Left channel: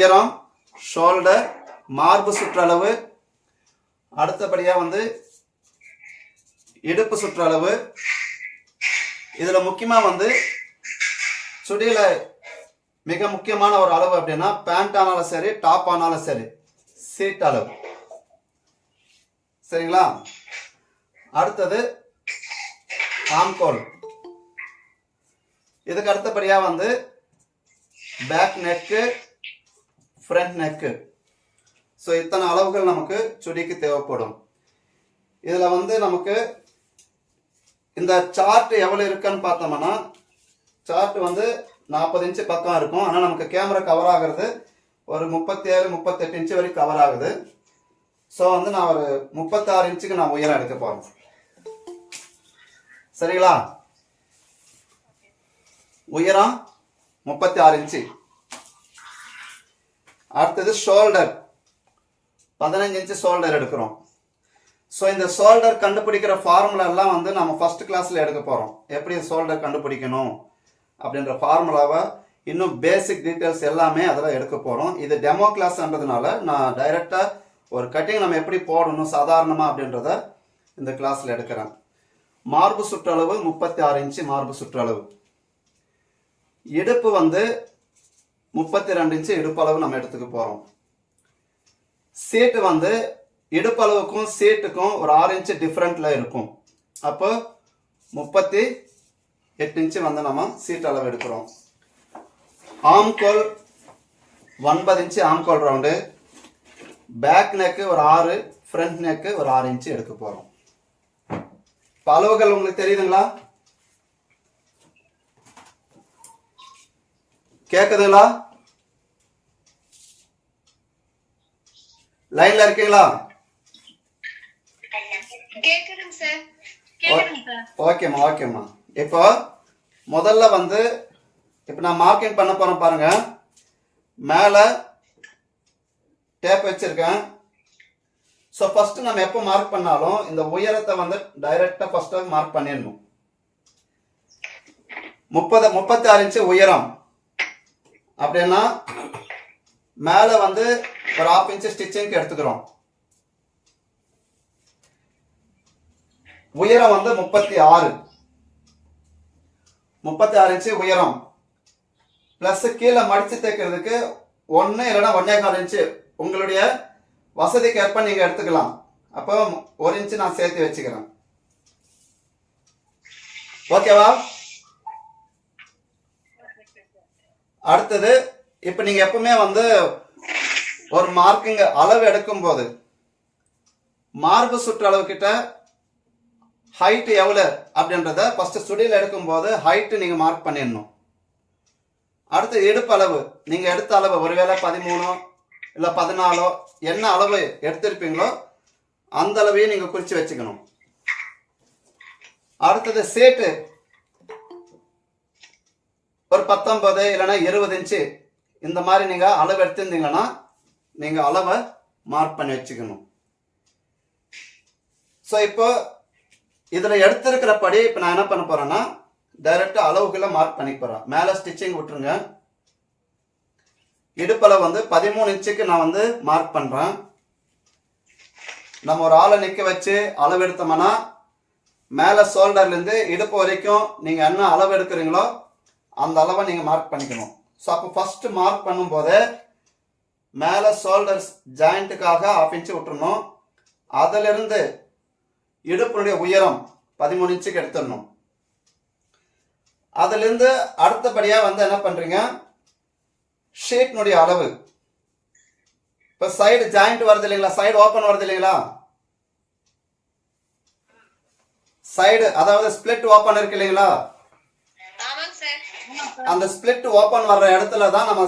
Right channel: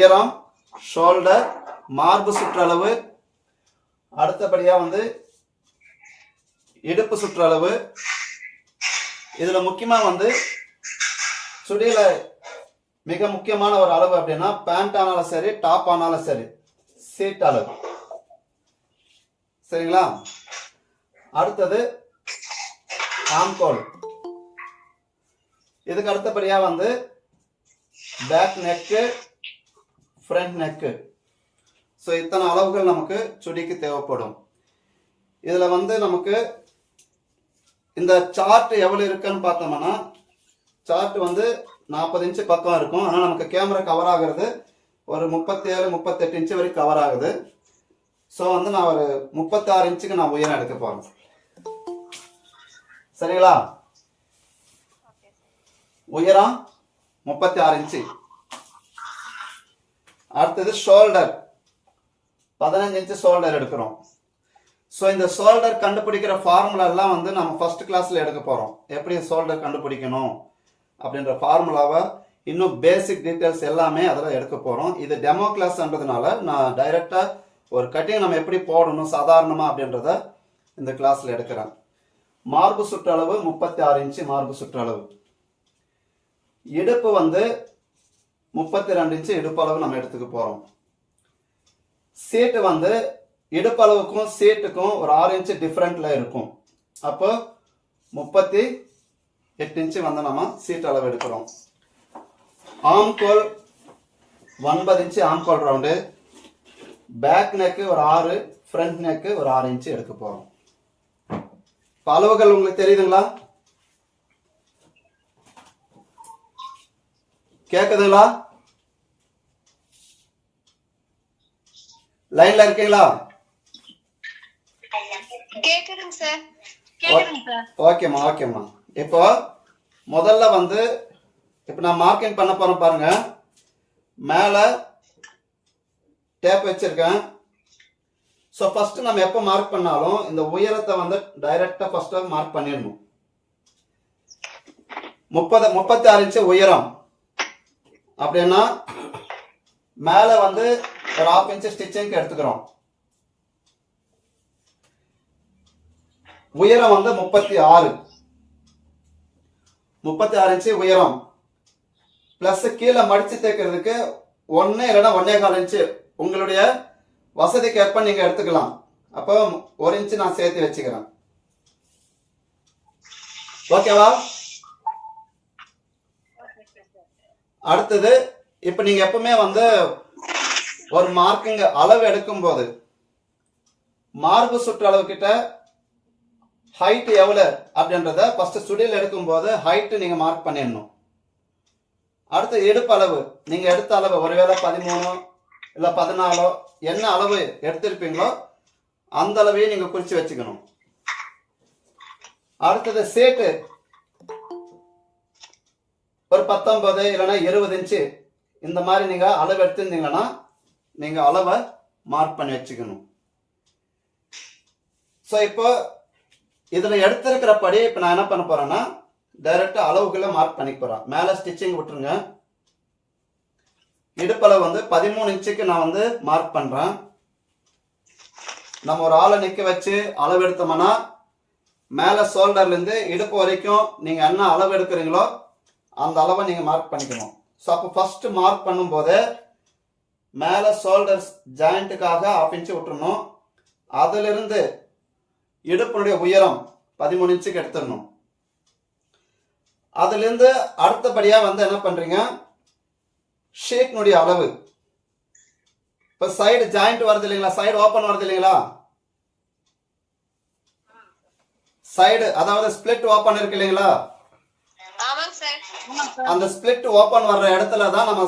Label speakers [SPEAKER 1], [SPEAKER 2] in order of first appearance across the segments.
[SPEAKER 1] உயரம் ஷோல்டர் மார்பு சுற்றளவு. அடுத்தபடியாக வந்து இடுப்பு சுற்றளவு. இதில் முக்கியமாக வந்து சுடியில் மிக முக்கியமான ஒரு அளவு அப்படின்னா பேண்ட் ஆனாலும் சரி டாப் ஆனாலும் சரி சீட் அளவு. சரிங்களா? அடுத்தது ஆம்கோல் இதுக்கு அடுத்தபடியாக வந்து back neck front neck so இத்தனை அளவுகள் நமக்கு சுடிக்கு தேவைப்படும். இதில் வந்து நமக்கு இந்த சார்ட் எவ்வளோ இருக்குன்னு பார்த்தோம்னா சார்ட் வந்து நாற்பது இன்ச்சு பக்கம் இருக்கும். ஆனால் நமக்கு கேமரா கவர் ஆகிறது ஒரு முப்பத்தேழு முப்பத்தெட்டு இன்ச்சு வரைக்கும் கவர் ஆகுது. ஸோ வந்து நான் ஒரு முப்பத்தாறு இன்ச்சுக்கு நான் உயரம் எடுக்க போகிறேன் சரிங்களா? உயரம் முப்பத்தி ஆறு இன்ச்சு அடுத்தது ஷோல்டர் பதினஞ்சு இன்ச்சு ஷோல்டர் எடுக்கிறோம். ஸோ இந்த ஷோல்டர் கண்டுபிடிக்கிற ஃபார்முலாலாம் வந்து நம்ம ஃபஸ்ட் கிளாஸில் எடுக்க போகிறோம் எப்படி ஷோல்டர் கண்டுபிடிக்கணும்? அப்படின்ற ஃபார்முலாவை இன்னும் பேசிக் டீட்டெயில்ஸ் எல்லாமே அதில் எடுக்க போகிறோம் இது டெமோ கிளாஸ்ன்றதுனால நான் டைரெக்டாக ஒரு கட்டிங் நம்ம எப்படி போடணும் சாதாரணமாக அப்படின்றத இந்த கிளாஸில் எடுக்கிறேன். மார்பு சுற்றளவு முப்பத்தி ஆறு இன்ச்சு மார்பு சுற்றளவு. இடுப்பு வந்து முப்பத்தி ரெண்டு இன்ச்சு இடுப்பளவு நம்ம எடுத்துக்க போகிறோம் சீட்டு வந்து இடுப்பளவுக்கும் சீட்டுக்கும் ஒரு ஆறு இன்ச்சு டிஃப்ரெண்ட்டில் இருக்கும். அப்போ முப்பத்தி எட்டு இன்ச்சு வந்து நம்ம சீட் அளவு எடுக்கிறோம். ஆம்கோல் ஒன்பது இன்ச்சு ஆம்கோல் ரவுண்டு. பேக் நெக்கு ஒரு ஆறு ஃப்ரண்ட் நெக்கு ஒரு ஆறு இன்ச்சு எடுக்க போகிறோம் இப்போ அளவுகள் உங்களுக்கு தெரியுதுங்களா? கேக்குதுங்களா? லைன்ல இருக்கீங்களா? ஓகேம்மா ஓகேம்மா. இப்போ முதல்ல வந்து இப்போ நான் மார்க்கிங் பண்ண போறேன் பாருங்க. மேலே டேப் வச்சிருக்கேன். ஸோ ஃபர்ஸ்ட் நம்ம எப்போ மார்க் பண்ணாலும் இந்த உயரத்தை வந்து டைரக்டாக ஃபர்ஸ்ட் மார்க் பண்ணிடணும். முப்பது முப்பத்தி ஆறு இன்ச்சு உயரம். அப்படின்னா மேலே வந்து ஒரு ஆஃப் இன்ச்சு ஸ்டிச்சிங்க்கு எடுத்துக்கிறோம். உயரம் வந்து முப்பத்தி ஆறு. முப்பத்தி ஆறு இன்ச்சு உயரம். ப்ளஸ் கீழே மடிச்சு தைக்கிறதுக்கு ஒன்று இல்லைன்னா ஒன்னே கால் இன்ச்சு உங்களுடைய வசதிக்கு ஏற்ப நீங்கள் எடுத்துக்கலாம். அப்போ ஒரு இன்ச்சு நான் சேர்த்து வச்சுக்கிறேன். ஓகேவா அடுத்தது இப்போ நீங்கள் எப்பவுமே வந்து ஒரு மார்க்குங்க அளவு எடுக்கும்போது மார்பு சுற்றளவு கிட்ட ஹைட் எவ்வளோ அப்படின்றத ஃபர்ஸ்ட் சுடியில் எடுக்கும்போது ஹைட்டு நீங்கள் மார்க் பண்ணிடணும். அடுத்து இடுப்பு அளவு நீங்கள் எடுத்த அளவு ஒருவேளை பதிமூணோ இல்லை பதினாலோ என்ன அளவு எடுத்திருப்பீங்களோ அந்த அளவையும் நீங்கள் குறித்து வச்சுக்கணும். அடுத்தது சேட்டு ஒரு பத்தொன்பது இல்லைன்னா இருபது இன்ச்சு இந்த மாதிரி நீங்கள் அளவு எடுத்திருந்தீங்கன்னா நீங்கள் அளவை மார்க் பண்ணி வச்சுக்கணும். ஸோ இப்போ இதில் எடுத்திருக்கிறபடி இப்போ நான் என்ன பண்ண போகிறேன்னா டைரெக்டாக அளவுக்குள்ளே மார்க் பண்ணி போகிறேன் மேலே ஸ்டிச்சிங் விட்டுருங்க. இடுப்பளவு வந்து பதிமூணு இன்ச்சுக்கு நான் வந்து மார்க் பண்ணுறேன் நம்ம ஒரு ஆளை நிற்க வச்சு அளவு எடுத்தோம்னா மேலே ஷோல்டர்லேருந்து இடுப்பு வரைக்கும் நீங்கள் என்ன அளவு எடுக்கிறீங்களோ அந்த அளவை நீங்கள் மார்க் பண்ணிக்கணும். ஸோ அப்போ ஃபஸ்ட்டு மார்க் பண்ணும்போது மேலே ஷோல்டர்ஸ் ஜாயிண்ட்டுக்காக ஆஃப் இன்ச்சு விட்டுறணும். அதிலிருந்து இடுப்பினுடைய உயரம் பதிமூணு இன்ச்சுக்கு எடுத்துடணும். அதுலேருந்து அடுத்தபடியாக வந்து என்ன பண்ணுறீங்க ஷீட்னுடைய அளவு. இப்போ சைடு ஜாயிண்ட் வருது இல்லைங்களா? சைடு ஓப்பன் வருது இல்லைங்களா? சைடு அதாவது ஸ்பிளிட் ஓப்பன் இருக்கு இல்லைங்களா? அந்த ஸ்பிளிட் ஓப்பன் வர்ற இடத்துல தான் நம்ம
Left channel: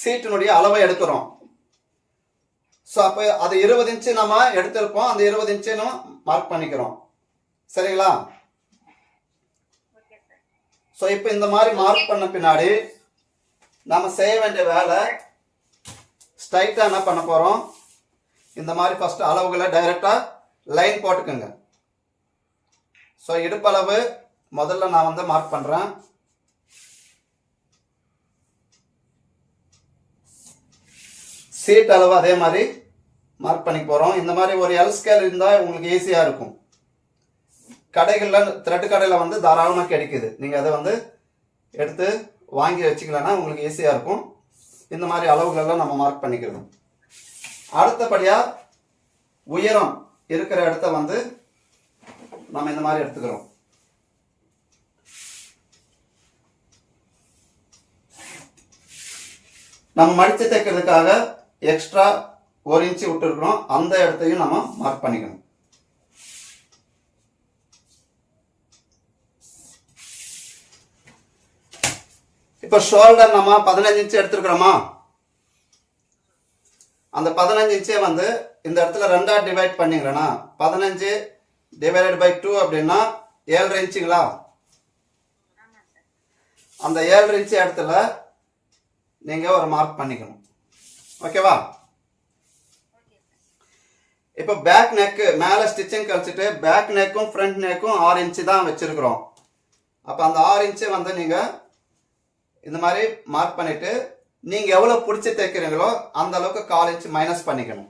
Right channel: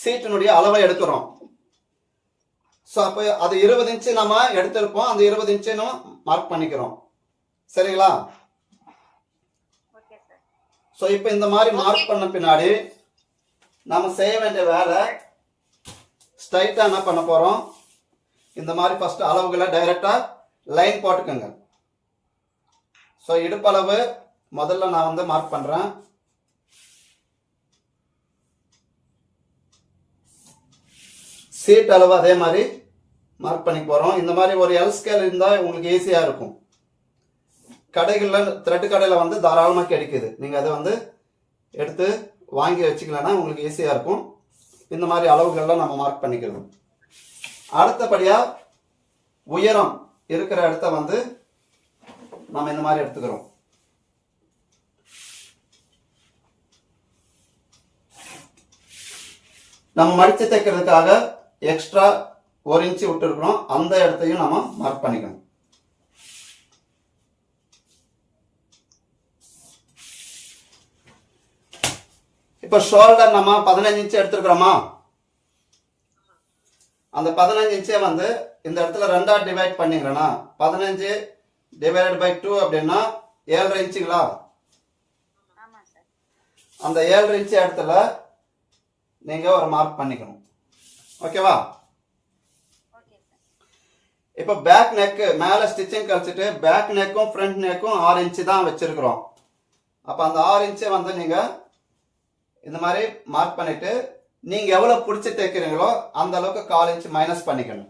[SPEAKER 1] சீட்டினுடைய அளவை எடுக்கிறோம். ஸோ அப்போ அது இருபது இன்ச்சு நம்ம எடுத்திருப்போம். அந்த இருபது இன்ச்சு நம்ம மார்க் பண்ணிக்கிறோம். சரிங்களா? ஸோ இப்போ இந்த மாதிரி மார்க் பண்ண பின்னாடி நம்ம செய்ய வேண்டிய வேலை ஸ்ட்ரைட்டாக என்ன பண்ண போகிறோம் இந்த மாதிரி ஃபஸ்ட்டு அளவுகளை டைரெக்டாக லைன் போட்டுக்கோங்க. ஸோ இடுப்பளவு முதல்ல நான் வந்து மார்க் பண்ணுறேன் சீட் அளவு அதே மாதிரி மார்க் பண்ணி போகிறோம் இந்த மாதிரி ஒரு எல் ஸ்கேல் இருந்தால் உங்களுக்கு ஈஸியாக இருக்கும். கடைகளில் த்ரெட்டு கடையில் வந்து தாராளமாக கிடைக்குது. நீங்கள் அதை வந்து எடுத்து வாங்கி வச்சுக்கலன்னா உங்களுக்கு ஈஸியாக இருக்கும். இந்த மாதிரி அளவுகளெல்லாம் நம்ம மார்க் பண்ணிக்கிறோம். அடுத்தபடியாக உயரம் இருக்கிற இடத்த வந்து நம்ம இந்த மாதிரி எடுத்துக்கிறோம். நம்ம மடித்து தைக்கிறதுக்காக எக்ஸ்ட்ரா ஒரு இன்ச்சு விட்டுருக்குறோம். அந்த இடத்தையும் நம்ம மார்க் பண்ணிக்கணும். இப்போ ஷோல்டர் நம்ம பதினஞ்சு இன்ச்சு எடுத்துருக்குறோமா? அந்த பதினஞ்சு இன்ச்சை வந்து இந்த இடத்துல ரெண்டா டிவைட் பண்ணிக்கிறேன்னா பதினஞ்சு டிவைடட் பை டூ அப்படின்னா ஏழரை இன்ச்சுங்களா அந்த ஏழரை இன்ச்சு இடத்துல நீங்கள் ஒரு மார்க் பண்ணிக்கணும். ஓகேவா இப்போ பேக் நெக்கு மேலே ஸ்டிச்சிங் கழிச்சிட்டு பேக் நெக்கும் ஃப்ரண்ட் நெக்கும் ஆறு இன்ச்சு தான் வச்சுருக்குறோம். அப்போ அந்த ஆறு இன்ச்சை வந்து நீங்கள் இந்த மாதிரி மார்க் பண்ணிவிட்டு நீங்கள் எவ்வளோ பிடிச்சி தைக்கிறீங்களோ அந்த அளவுக்கு கால் இன்ச்சு மைனஸ் பண்ணிக்கணும்.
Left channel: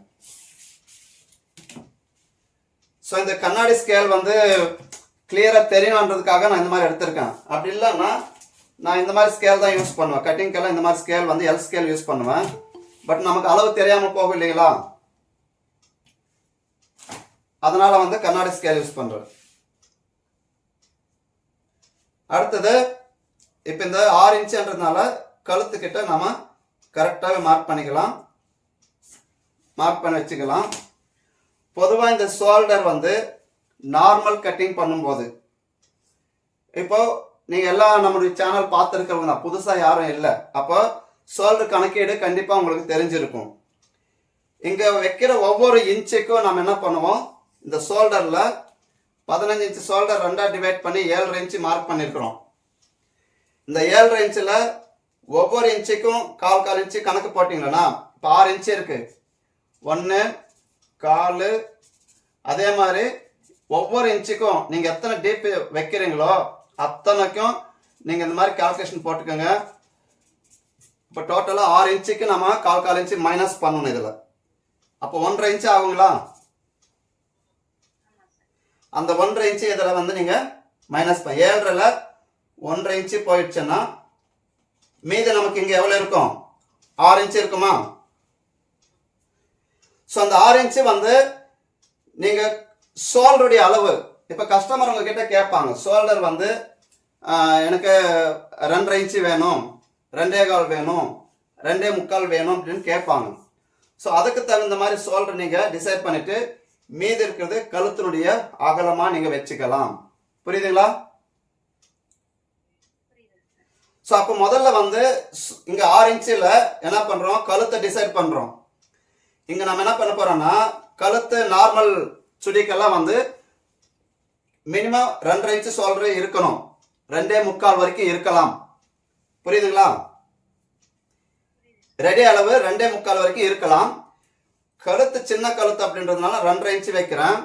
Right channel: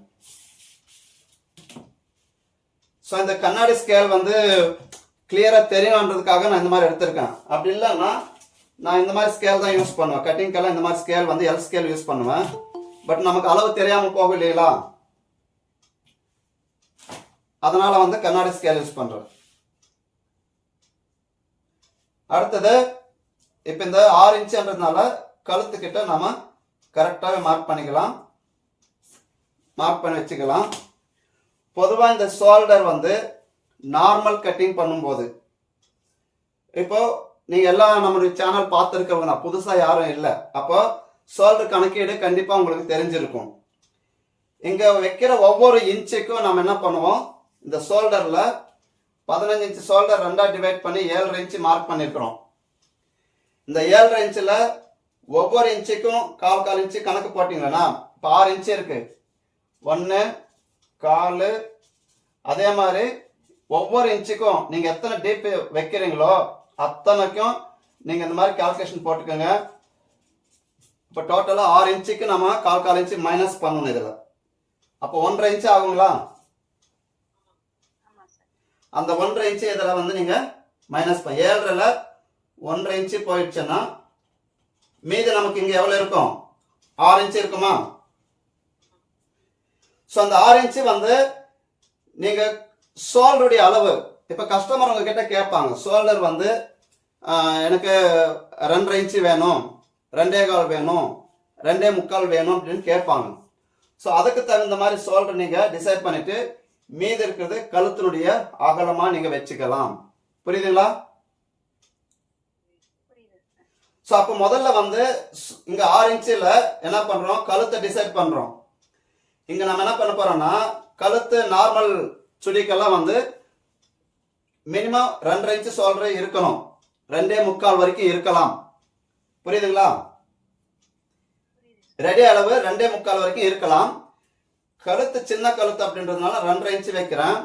[SPEAKER 1] ஸோ இந்த கண்ணாடி ஸ்கேல் வந்து கிளியராக தெரியணுன்றதுக்காக நான் இந்த மாதிரி எடுத்திருக்கேன். அப்படி இல்லைன்னா நான் இந்த மாதிரி ஸ்கேல் தான் யூஸ் பண்ணுவேன். கட்டிங்க்கெல்லாம் இந்த மாதிரி ஸ்கேல் வந்து எல் ஸ்கேல் யூஸ் பண்ணுவேன். பட் நமக்கு அளவு தெரியாமல் போகும் இல்லைங்களா? அதனால வந்து கண்ணாடி ஸ்கேல் யூஸ் பண்றேன் அடுத்தது இப்போ இந்த ஆறு இன்ச்சுன்றதுனால கழுத்துக்கிட்ட நம்ம கரெக்டாக மார்க் பண்ணிக்கலாம். மார்க் பண்ணி வச்சுக்கலாம். பொதுவாக இந்த ஷோல்டர் வந்து நார்மல் கட்டிங் பண்ணும்போது இப்போ நீங்கள் எல்லாம் நம்மளுடைய சேனல் பார்த்துருக்கவங்க தான் புதுசாக யாரும் இல்லை. அப்போ ஷோல்டர் கணக்கீடு கண்டிப்பாக உங்களுக்கு தெரிஞ்சிருக்கும். இங்கே வைக்கிற ஒவ்வொரு இன்ச்சுக்கும் நம்ம என்ன பண்ணுவோம்? இந்த சோல்டரில் பதினஞ்சு இன்ச்சு சோல்டர் ரெண்டாக டிவைட் பண்ணி ஏழரை இன்ச்சு மார்க் பண்ணியிருக்கிறோம் இந்த ஏழரை இன்ச்சில் ஒவ்வொரு இன்ச்சுக்கும் கால் கால் இன்ச்சு கணக்கு போட்டிங்களா இப்போ ஆறு இன்ச்சு இருக்குது ஒன்று கால் அதே மாதிரி ஒவ்வொரு இன்ச்சுக்கும் நீங்கள் எத்தனை டீப் வைக்கிறீங்களோ அத்தனைக்கும் நீங்கள் இந்த மாதிரி கால்குலேஷன் போட்டுக்கோங்க. இப்போ டோட்டலாக ஆறு இன்ச்சுக்கு நம்ம கால் கால் இன்ச்சு மைனஸ் பண்ணணும் இதில். அப்போ ஒன்றரை இன்ச்சு ஆகுங்களா? அந்த ஒன்றரை இன்ச்சு இதில் வந்து நீங்கள் மைனஸ் பண்ண ஏழரைல ஒன்றரை இன்ச்சு போயிடுச்சுன்னா மீதி நமக்கு இங்கே எவ்வளோ இருக்கும்? ஆறு இன்ச்சு இருக்குமா? ஸோ அந்த ஆறு இன்ச்சு வந்து நீங்கள் ஷோல்டருடைய அளவு இப்போ கஸ்டமர் உங்ககிட்ட கேட்பாங்க ஷோல்டர் வந்து எனக்கு ரெண்டரை இன்ச்சு வேணும். ரெண்டே கால் வேணும் ரெண்டே முக்கால் வேணும் அப்படின்னு கேட்பாங்க. ஸோ அதுக்கு தகுந்த மாதிரி சோல்டர் நீங்கள் டிசைட் பண்ணிட்டு மீதி இருக்கிறது கழுத்தினுடைய அகலமாக நீங்கள் வச்சுக்கலாம். புரியுதுங்களா? ஸோ அப்போ முதல்ல வந்து இங்கே ஆறு இன்ச்சில் என்ன பண்ணுறோம் கழுத்தை டிசைட் பண்ணுறோம் இங்கே நம்ம என்ன பண்ண போகிறோம்னா கழுத்து நார்மல் சுடிக்கெல்லாம் வந்து மினிமம் ரெண்டரை இன்ச்சு சோல்டர் இருக்கணும். ரெண்டே முக்கால் வரைக்கும் இருக்கலாம். புரியுதுங்களா? ரெடி அளவு ரெண்டே முக்கால் வரைக்கும் இருக்கலாம். கழுத்து சின்ன கழுத்து அப்படின்றதுனால ரெண்டரை இன்ச்சு வைக்கிறேன்.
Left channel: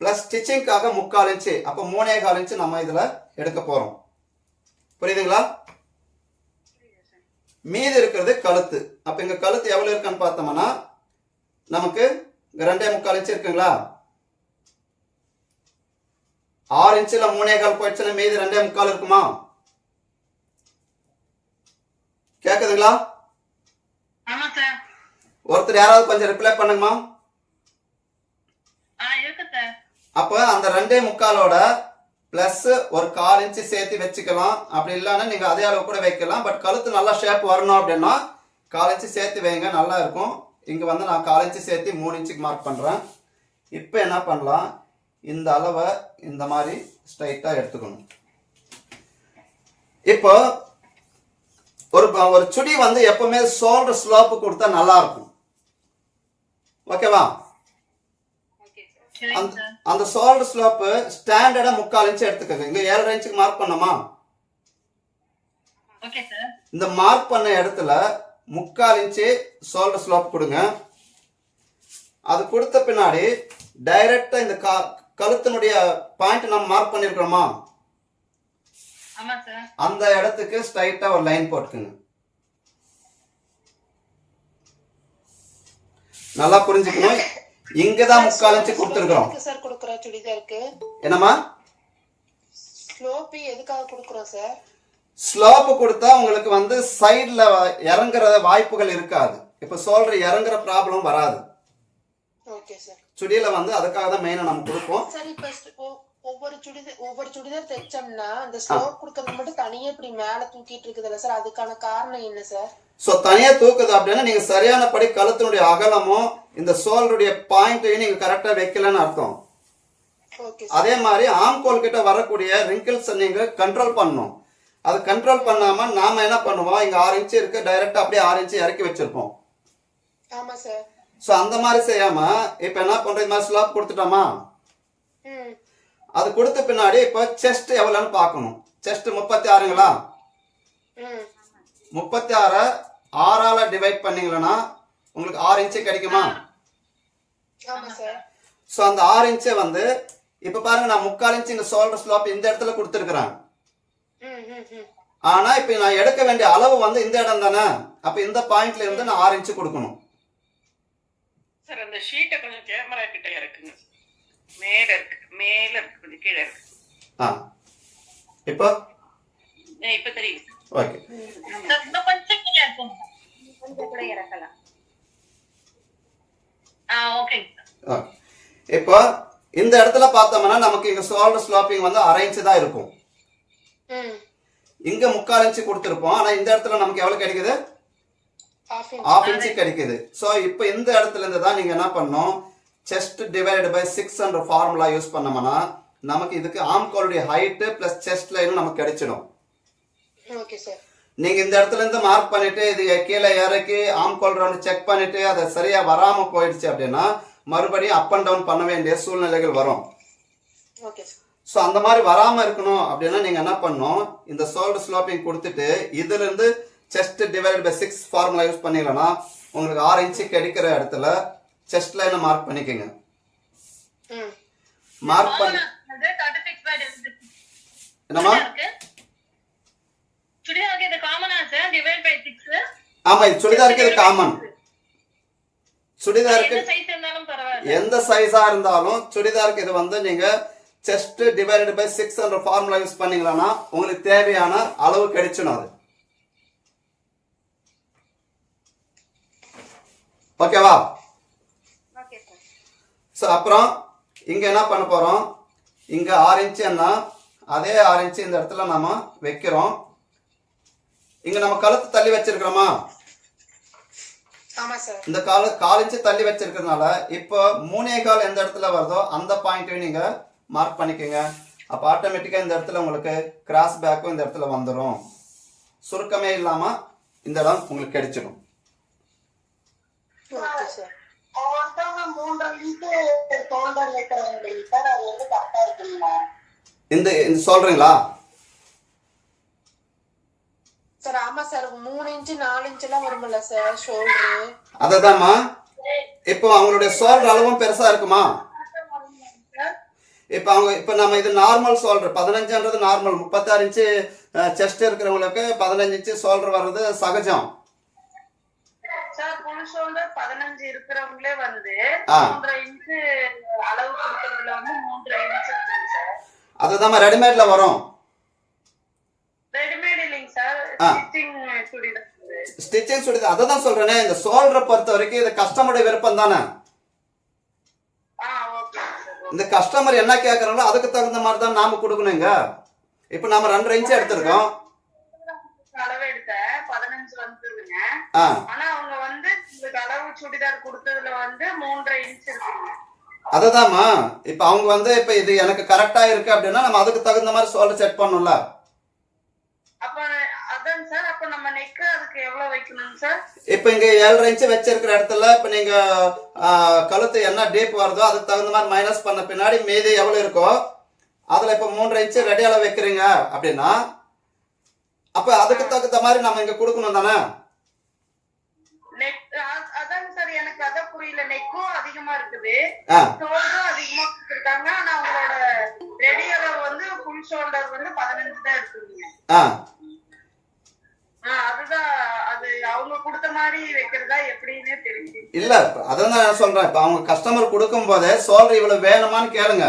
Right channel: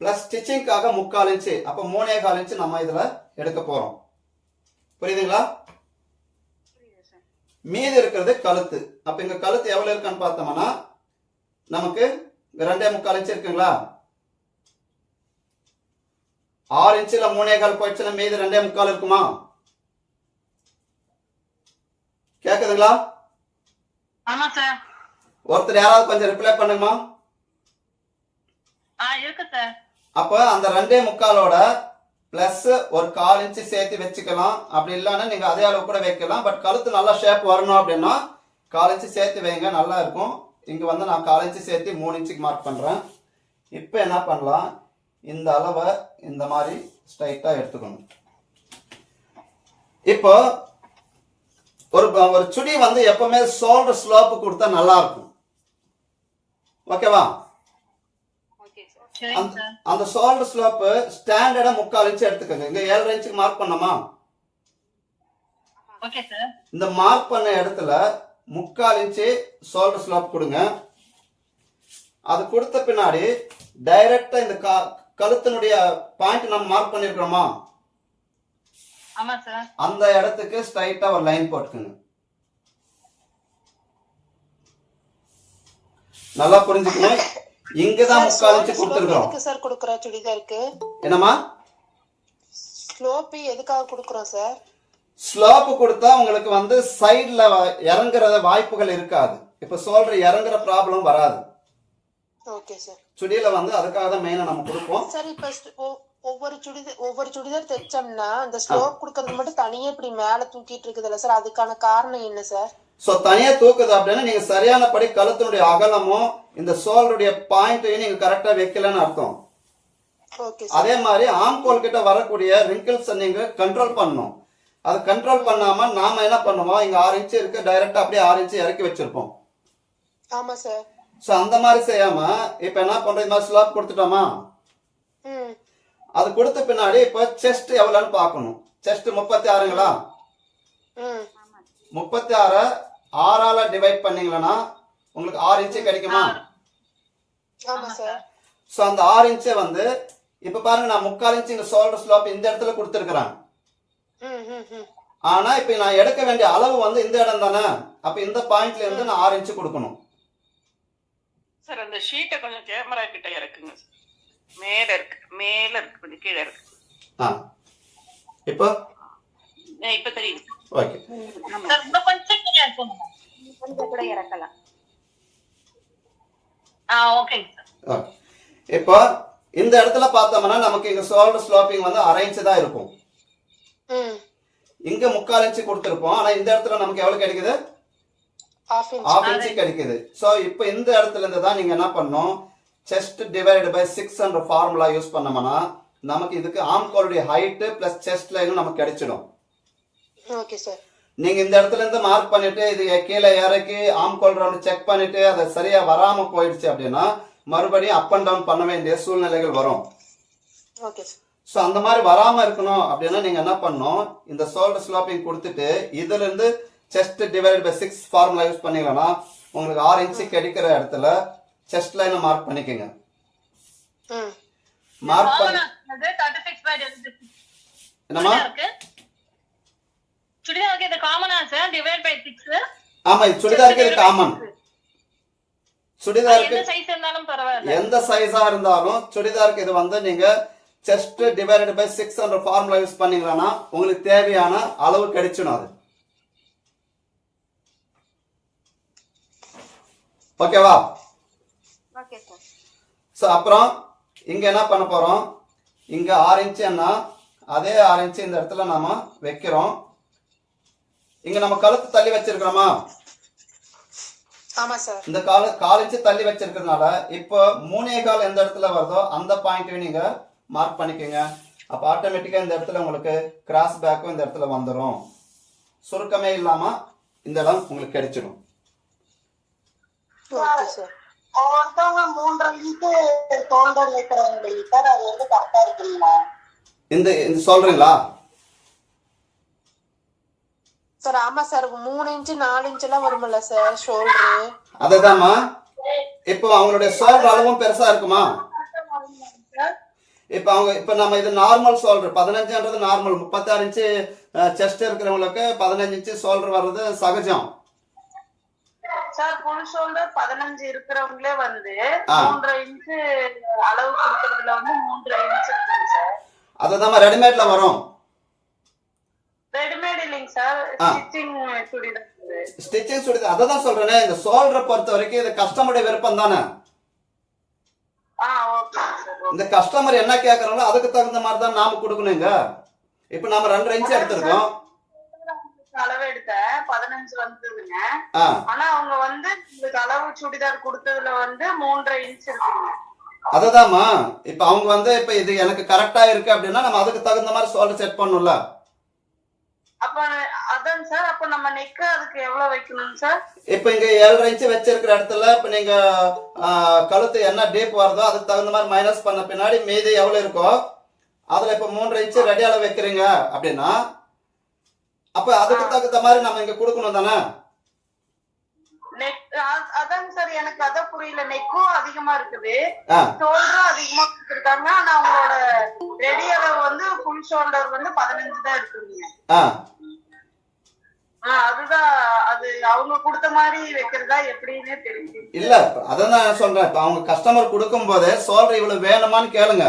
[SPEAKER 1] ப்ளஸ் ஸ்டிச்சிங்காக முக்கால் இன்ச்சு அப்போ மூணே கால் இன்ச்சு நம்ம இதில் எடுக்க போகிறோம் புரியுதுங்களா? மீதி இருக்கிறது கழுத்து. அப்ப இங்க கழுத்து எவ்வளவு இருக்குன்னு பார்த்தோம்னா நமக்கு ரெண்டே முக்கால் இன்ச்சு இருக்குங்களா? ஆறு இன்ச்சுல மூணே கால் போயிடுச்சுன்னா மீதி ரெண்டே முக்கால் இருக்குமா? கேக்குதுங்களா?
[SPEAKER 2] ஆமா சார்
[SPEAKER 1] ஒருத்தர் யாராவது கொஞ்சம் ரிப்ளை பண்ணுங்கம்மா.
[SPEAKER 2] ஆ இருக்கு சார்
[SPEAKER 1] அப்ப அந்த ரெண்டே முக்காலோட பிளஸ் ஒரு கால் இன்ச்சு சேர்த்து வச்சுக்கலாம். அப்படி இல்லைன்னா நீங்க அதே அளவு கூட வைக்கலாம். பட் கழுத்து நல்லா ஷேப் வரணும் அப்படின்னா கால் இன்ச்சு சேர்த்து வைங்க நல்லா இருக்கும். இங்க வந்து நான் கால் இன்ச்சு சேர்த்து மூணு இன்ச்சுக்கு மார்க் பண்றேன். இப்போ என்ன பண்ணலாம்? இந்த அளவை இந்த மாதிரி ஸ்ட்ரைட்டா எடுத்துக்கணும். இப்போ ஒரு ஒரு சுடி வந்து எப்பவுமே ஷோல்டர் ஸ்லோப்பு கொடுத்தா நல்லா இருக்கும் ஓகேவா?
[SPEAKER 2] Okay sir. சரிங்க
[SPEAKER 1] அந்த ஷோல்டர் ஸ்லோப்பு ஸ்டாண்டர்டா முக்கால் இன்ச்சு எடுத்துக்கோங்க. இங்க ஏழரை இன்ச்சுக்கு மார்க் பண்ணோமா
[SPEAKER 2] ஓகே சார்.
[SPEAKER 1] இந்த மார்க் பண்ண இடத்துல முக்கால் இன்ச்சு ஷோல்டர் ஸ்லோப் கொடுங்க. அது கொடுத்த பின்னாடி டைரக்டா இந்த கழுத்தினுடைய பாயிண்ட் நம்ம மார்க் பண்ணிருக்கிறோமா? அந்த இடத்துக்கு ஸ்ட்ரைட்டா ஒரு லைன் போட்டுக்குங்க. நல்லா புரிஞ்சுக்கணும் இங்க தான் முக்கால் இன்ச்சு கொடுத்துருக்குறோம்.
[SPEAKER 3] எதுக்கு சார் கொடுக்குறோம் சுடிதாருக்கு
[SPEAKER 1] என்னம்மா?
[SPEAKER 3] ஸ்லோப்பு எதுக்காக கொடுக்குறோம் சார்
[SPEAKER 1] ஸ்லோப்பு கொடுத்தா உங்களுக்கு வந்து சைடில் இறங்குற வாய்ப்புகள் இருக்காது. இப்போ சொல்ற இறங்குற ப்ராப்ளம் வராது.
[SPEAKER 3] ஓகே சார்
[SPEAKER 1] சுடியில வந்து அதுக்காக தான் மெயினாக நம்ம கொடுப்போம்.
[SPEAKER 3] சார் இப்ப ஒவ்வொரு சுடிதார் ஒவ்வொரு சுடிதார் தைச்சோம்னா அந்த ஸ்லோப் கொடுக்கறது மட்டும் தனியா இப்படி மேல தூக்கிட்டு இருக்குதுல்ல சார் அதுக்கான காரணம் என்ன சார்
[SPEAKER 1] ஸோ தனியாக தூக்குது அப்படின்னா நீங்கள் சரியானபடி கழுத்தினுடைய அகலமும் இந்த சோல்டருடைய பாயிண்ட்டையும் நீங்கள் கரெக்டாக வைக்கலன்னு அர்த்தம்.
[SPEAKER 3] ஓகே
[SPEAKER 1] அதே மாதிரி ஆம்கோல் கிட்ட வரக்கூடிய ரிங்கிள்ஸை நீங்கள் கண்ட்ரோல் பண்ணணும். அது கண்ட்ரோல் பண்ணாம நாம என்ன பண்ணுவோம்? இங்க ஆறு இன்ச்சு இருக்கு டைரக்டா அப்படியே ஆறு இன்ச்சு இறக்கி வச்சிருப்போம்.
[SPEAKER 3] ஆமா சார்
[SPEAKER 1] ஸோ அந்த மாதிரி செய்யாம இப்போ என்ன பண்றோம் இந்த மாதிரி ஸ்லாப் கொடுத்துட்டோமா?
[SPEAKER 3] ம்.
[SPEAKER 1] அது கொடுத்த பின்னாடி இப்போ செஸ்ட் எவ்வளோன்னு பார்க்கணும். செஸ்ட் முப்பத்தி ஆறுங்களா முப்பத்தி ஆறை ஆறால டிவைட் பண்ணீங்களன்னா உங்களுக்கு ஆறு இன்ச்சு கிடைக்குமா?
[SPEAKER 3] ஆமா சார்
[SPEAKER 1] ஸோ அந்த ஆறு இன்ச்சை வந்து இப்போ பாருங்க நான் முக்கால் இன்ச்சு இந்த ஷோல்டர் ஸ்லாப் இந்த இடத்துல கொடுத்துருக்குறேன்.
[SPEAKER 3] ம் ம் ம்.
[SPEAKER 1] ஆனா இப்போ நான் எடுக்க வேண்டிய அளவு வந்து இந்த இடம் தானே? அப்போ இந்த பாயிண்ட்ல இருந்து நான் ஆறு இன்ச்சு கொடுக்கணும்.
[SPEAKER 4] சார் அந்த ஷீட்டை கொஞ்சம் கேமரா கிட்ட இறக்குங்க. மேல இருக்கு. மேல இருக்கு. கொஞ்சம் கீழே இருக்கு.
[SPEAKER 1] ஆ. இப்போ?
[SPEAKER 4] இப்ப தெரியுது.
[SPEAKER 1] ஓகே.
[SPEAKER 2] இன்னும் கொஞ்சம் கீழே இருக்குங்க.
[SPEAKER 4] கொஞ்சம் கூட இறக்கலாம்.
[SPEAKER 2] ஆ சார்
[SPEAKER 1] ஓகே இப்போ இந்த இடத்துல பார்த்தோம்னா நமக்கு இங்க ஷோல்டர் ஸ்லாப்பிங் வந்து அரை இன்ச்சு தான் இருக்கும்.
[SPEAKER 3] ம்.
[SPEAKER 1] இங்க முக்கால் இன்ச்சு கொடுத்துருப்போம். ஆனா இந்த இடத்துல நமக்கு எவ்வளவு கிடைக்குது?
[SPEAKER 3] ஆஃப்
[SPEAKER 1] இன்ச்சு கிடைக்குது. ஸோ இப்போ இந்த இடத்துல இருந்து தான் நீங்க என்ன பண்ணணும்? செஸ்ட் டிவைட் பை சிக்ஸ் என்ற ஃபார்முலா யூஸ் பண்ணோம்னா நமக்கு இதுக்கு ஆம்கோலுடைய ஹைட்டு பிளஸ் செஸ்ட் லைனும் நமக்கு கிடைச்சிடும்.
[SPEAKER 3] ஓகே சார்
[SPEAKER 1] நீங்க இந்த இடத்துல இருந்து மார்க் பண்ணிட்டு இது கீழே இறக்கி ஆம்கோல் ரவுண்ட் செக் பண்ணிட்டு அது சரியா வராம போயிடுச்சு அப்படின்னா மறுபடியும் அப் அண்ட் டவுன் பண்ண வேண்டிய சூழ்நிலைகள் வரும். ஸோ அந்த மாதிரி வராம இருக்கணும் அப்படின்னா நீங்க என்ன பண்ணணும்? இந்த ஷோல்டர் ஸ்லோப்பிங் கொடுத்துட்டு இதுல இருந்து chest divide by six formula use பண்ணீங்கன்னா உங்களுக்கு ஆறு இன்ச்சு கிடைக்கிற இடத்துல செஸ்ட் லைனை மார்க் பண்ணிக்கோங்க. மார்க் பண்ணி
[SPEAKER 2] சுடிதாருக்கு? இது காமனா சார் டிவைட் பை
[SPEAKER 1] ஆமா இது சுடிதாருக்கு இது காமன் சுடிதாருக்கு
[SPEAKER 2] எந்த சைஸ் இருந்தாலும் பரவாயில்ல.
[SPEAKER 1] எந்த சைஸா இருந்தாலும் சுடிதாருக்கு இது வந்து நீங்க செஸ்ட் டிவைடட் பை சிக்ஸ் என்ற ஃபார்முலா யூஸ் பண்ணீங்கன்னா உங்களுக்கு தேவையான அளவு கிடைச்சிடும் அது. ஓகேவா ஸோ அப்புறம் இங்க என்ன பண்ண போறோம்? இங்க ஆறு இன்ச்சு என்ன? அதே ஆறு இன்ச்சு இந்த இடத்துல நாம வைக்கிறோம். இங்க நம்ம கழுத்து தள்ளி வச்சிருக்கிறோமா? இந்த கால கால் இன்ச்சு தள்ளி வச்சிருக்கிறதுனால இப்போ மூணே கால் எந்த இடத்துல வருதோ அந்த பாயிண்ட்டையும் நீங்க மார்க் பண்ணிக்கோங்க. அப்போ ஆட்டோமேட்டிக்காக இந்த இடத்துல உங்களுக்கு கிராஸ் பேக்கும் இந்த இடத்துல வந்துடும் சுருக்கமே இல்லாம இந்த இடம் உங்களுக்கு கிடைச்சிடும்
[SPEAKER 5] ஒருத்தவங்க மூன்றரை இன்ச்சு ஷோல்டர் வைக்கிறாங்க சார் அது வந்து கரெக்டா இருக்குங்களா?
[SPEAKER 1] இந்த இந்த சொல்றீங்களா?
[SPEAKER 3] சார் ஆமா சார். மூணு இன்ச்சு நாலு இன்ச் எல்லாம் வரும்ல சார் ஷோல்டரு
[SPEAKER 1] அததாம்மா. இப்போ அவங்களுடைய சோல்டர் அளவும் பெருசா இருக்குமா? இப்போ அவங்க இப்போ நம்ம இது நார்மல் சோல்டர் பதினஞ்சுன்றது நார்மல் முப்பத்தாறு இன்ச்சு செஸ்ட் இருக்கிறவங்களுக்கு பதினஞ்சு இன்ச்சு சோல்டர் வர்றது சகஜம்.
[SPEAKER 5] ஃபுல் ஷோல்டர் பதினஞ்சு இருக்கிறவங்களே வந்து. மூன்றரை இன்ச்சு அளவு கொடுக்கறதுல வந்து மூன்றரை இன்ச் இருக்குங்க சார்
[SPEAKER 1] அதுதான் ரெடிமேட்ல வரும்.
[SPEAKER 5] ரெடிமேட் இல்லைங்க சார். ஸ்டிச்சிங் சுடிதார்
[SPEAKER 1] ஸ்டிச்சிங் சுடி அதை தான் சொல்றேனே இந்த சோல்டரை பொறுத்த வரைக்கும் இது கஸ்டமருடைய விருப்பம் தானே? இந்த கஸ்டமர் என்ன கேட்கறாங்களோ அதுக்கு தகுந்த மாதிரி தான் நாம கொடுக்கணுங்க. இப்போ நாம ரெண்டரை இன்ச்சு எடுத்திருக்கோம்
[SPEAKER 5] அளவு எடுத்தேன் பதினஞ்சு
[SPEAKER 1] ஆ.
[SPEAKER 5] ஆனா அவங்க வந்து உங்களுக்கு அளவு சுடிதார் கொடுத்ததுல வந்து மூன்றரை இன்ச் இருக்குங்க
[SPEAKER 1] அதுதாம்மா. இப்போ அவங்க வந்து இப்போ இது எனக்கு கரெக்டா இருக்கு அப்படின்னா நம்ம அதுக்கு தகுந்த மாதிரி சோல்டர் செட் பண்ணணும்ல?
[SPEAKER 5] அப்ப அதாங்க சார் அப்ப நம்ம நெக் அதுக்கு எவ்வளவு வைக்கணும் சார்
[SPEAKER 1] இப்போ இங்க ஏழரை இன்ச்சு வச்சிருக்கிற இடத்துல இப்போ நீங்க கழுத்து என்ன டீப் வருதோ அதுக்கு தகுந்த மாதிரி மைனஸ் பண்ண பின்னாடி மீதி எவ்வளவு இருக்கோ அதுல இப்போ மூன்றரை இன்ச்சு ரெடி அளவு வைக்கிறீங்க அப்படின்னா அப்ப அதுக்கு தகுந்த மாதிரி நம்ம இங்க கொடுக்கணும் தானே?
[SPEAKER 5] அதாங்க சார் எனக்கு அதான் புரியல. நெக்கும் அதிகமா இருக்குது. ஷோல்டரும் அதிகமா கொடுத்துருக்காங்க. ஆனா அவங்களோட ரெடி அளவு வந்து ஃபுல் ஷோல்டர் வந்து பதினஞ்சு தான் இருக்குங்க அது
[SPEAKER 1] இல்ல அதான் நான் சொல்றேன். இப்ப அவங்க கஸ்டமர் கொடுக்கும் போதே சோல்டர் இவ்வளவு வேணுமான்னு கேளுங்க.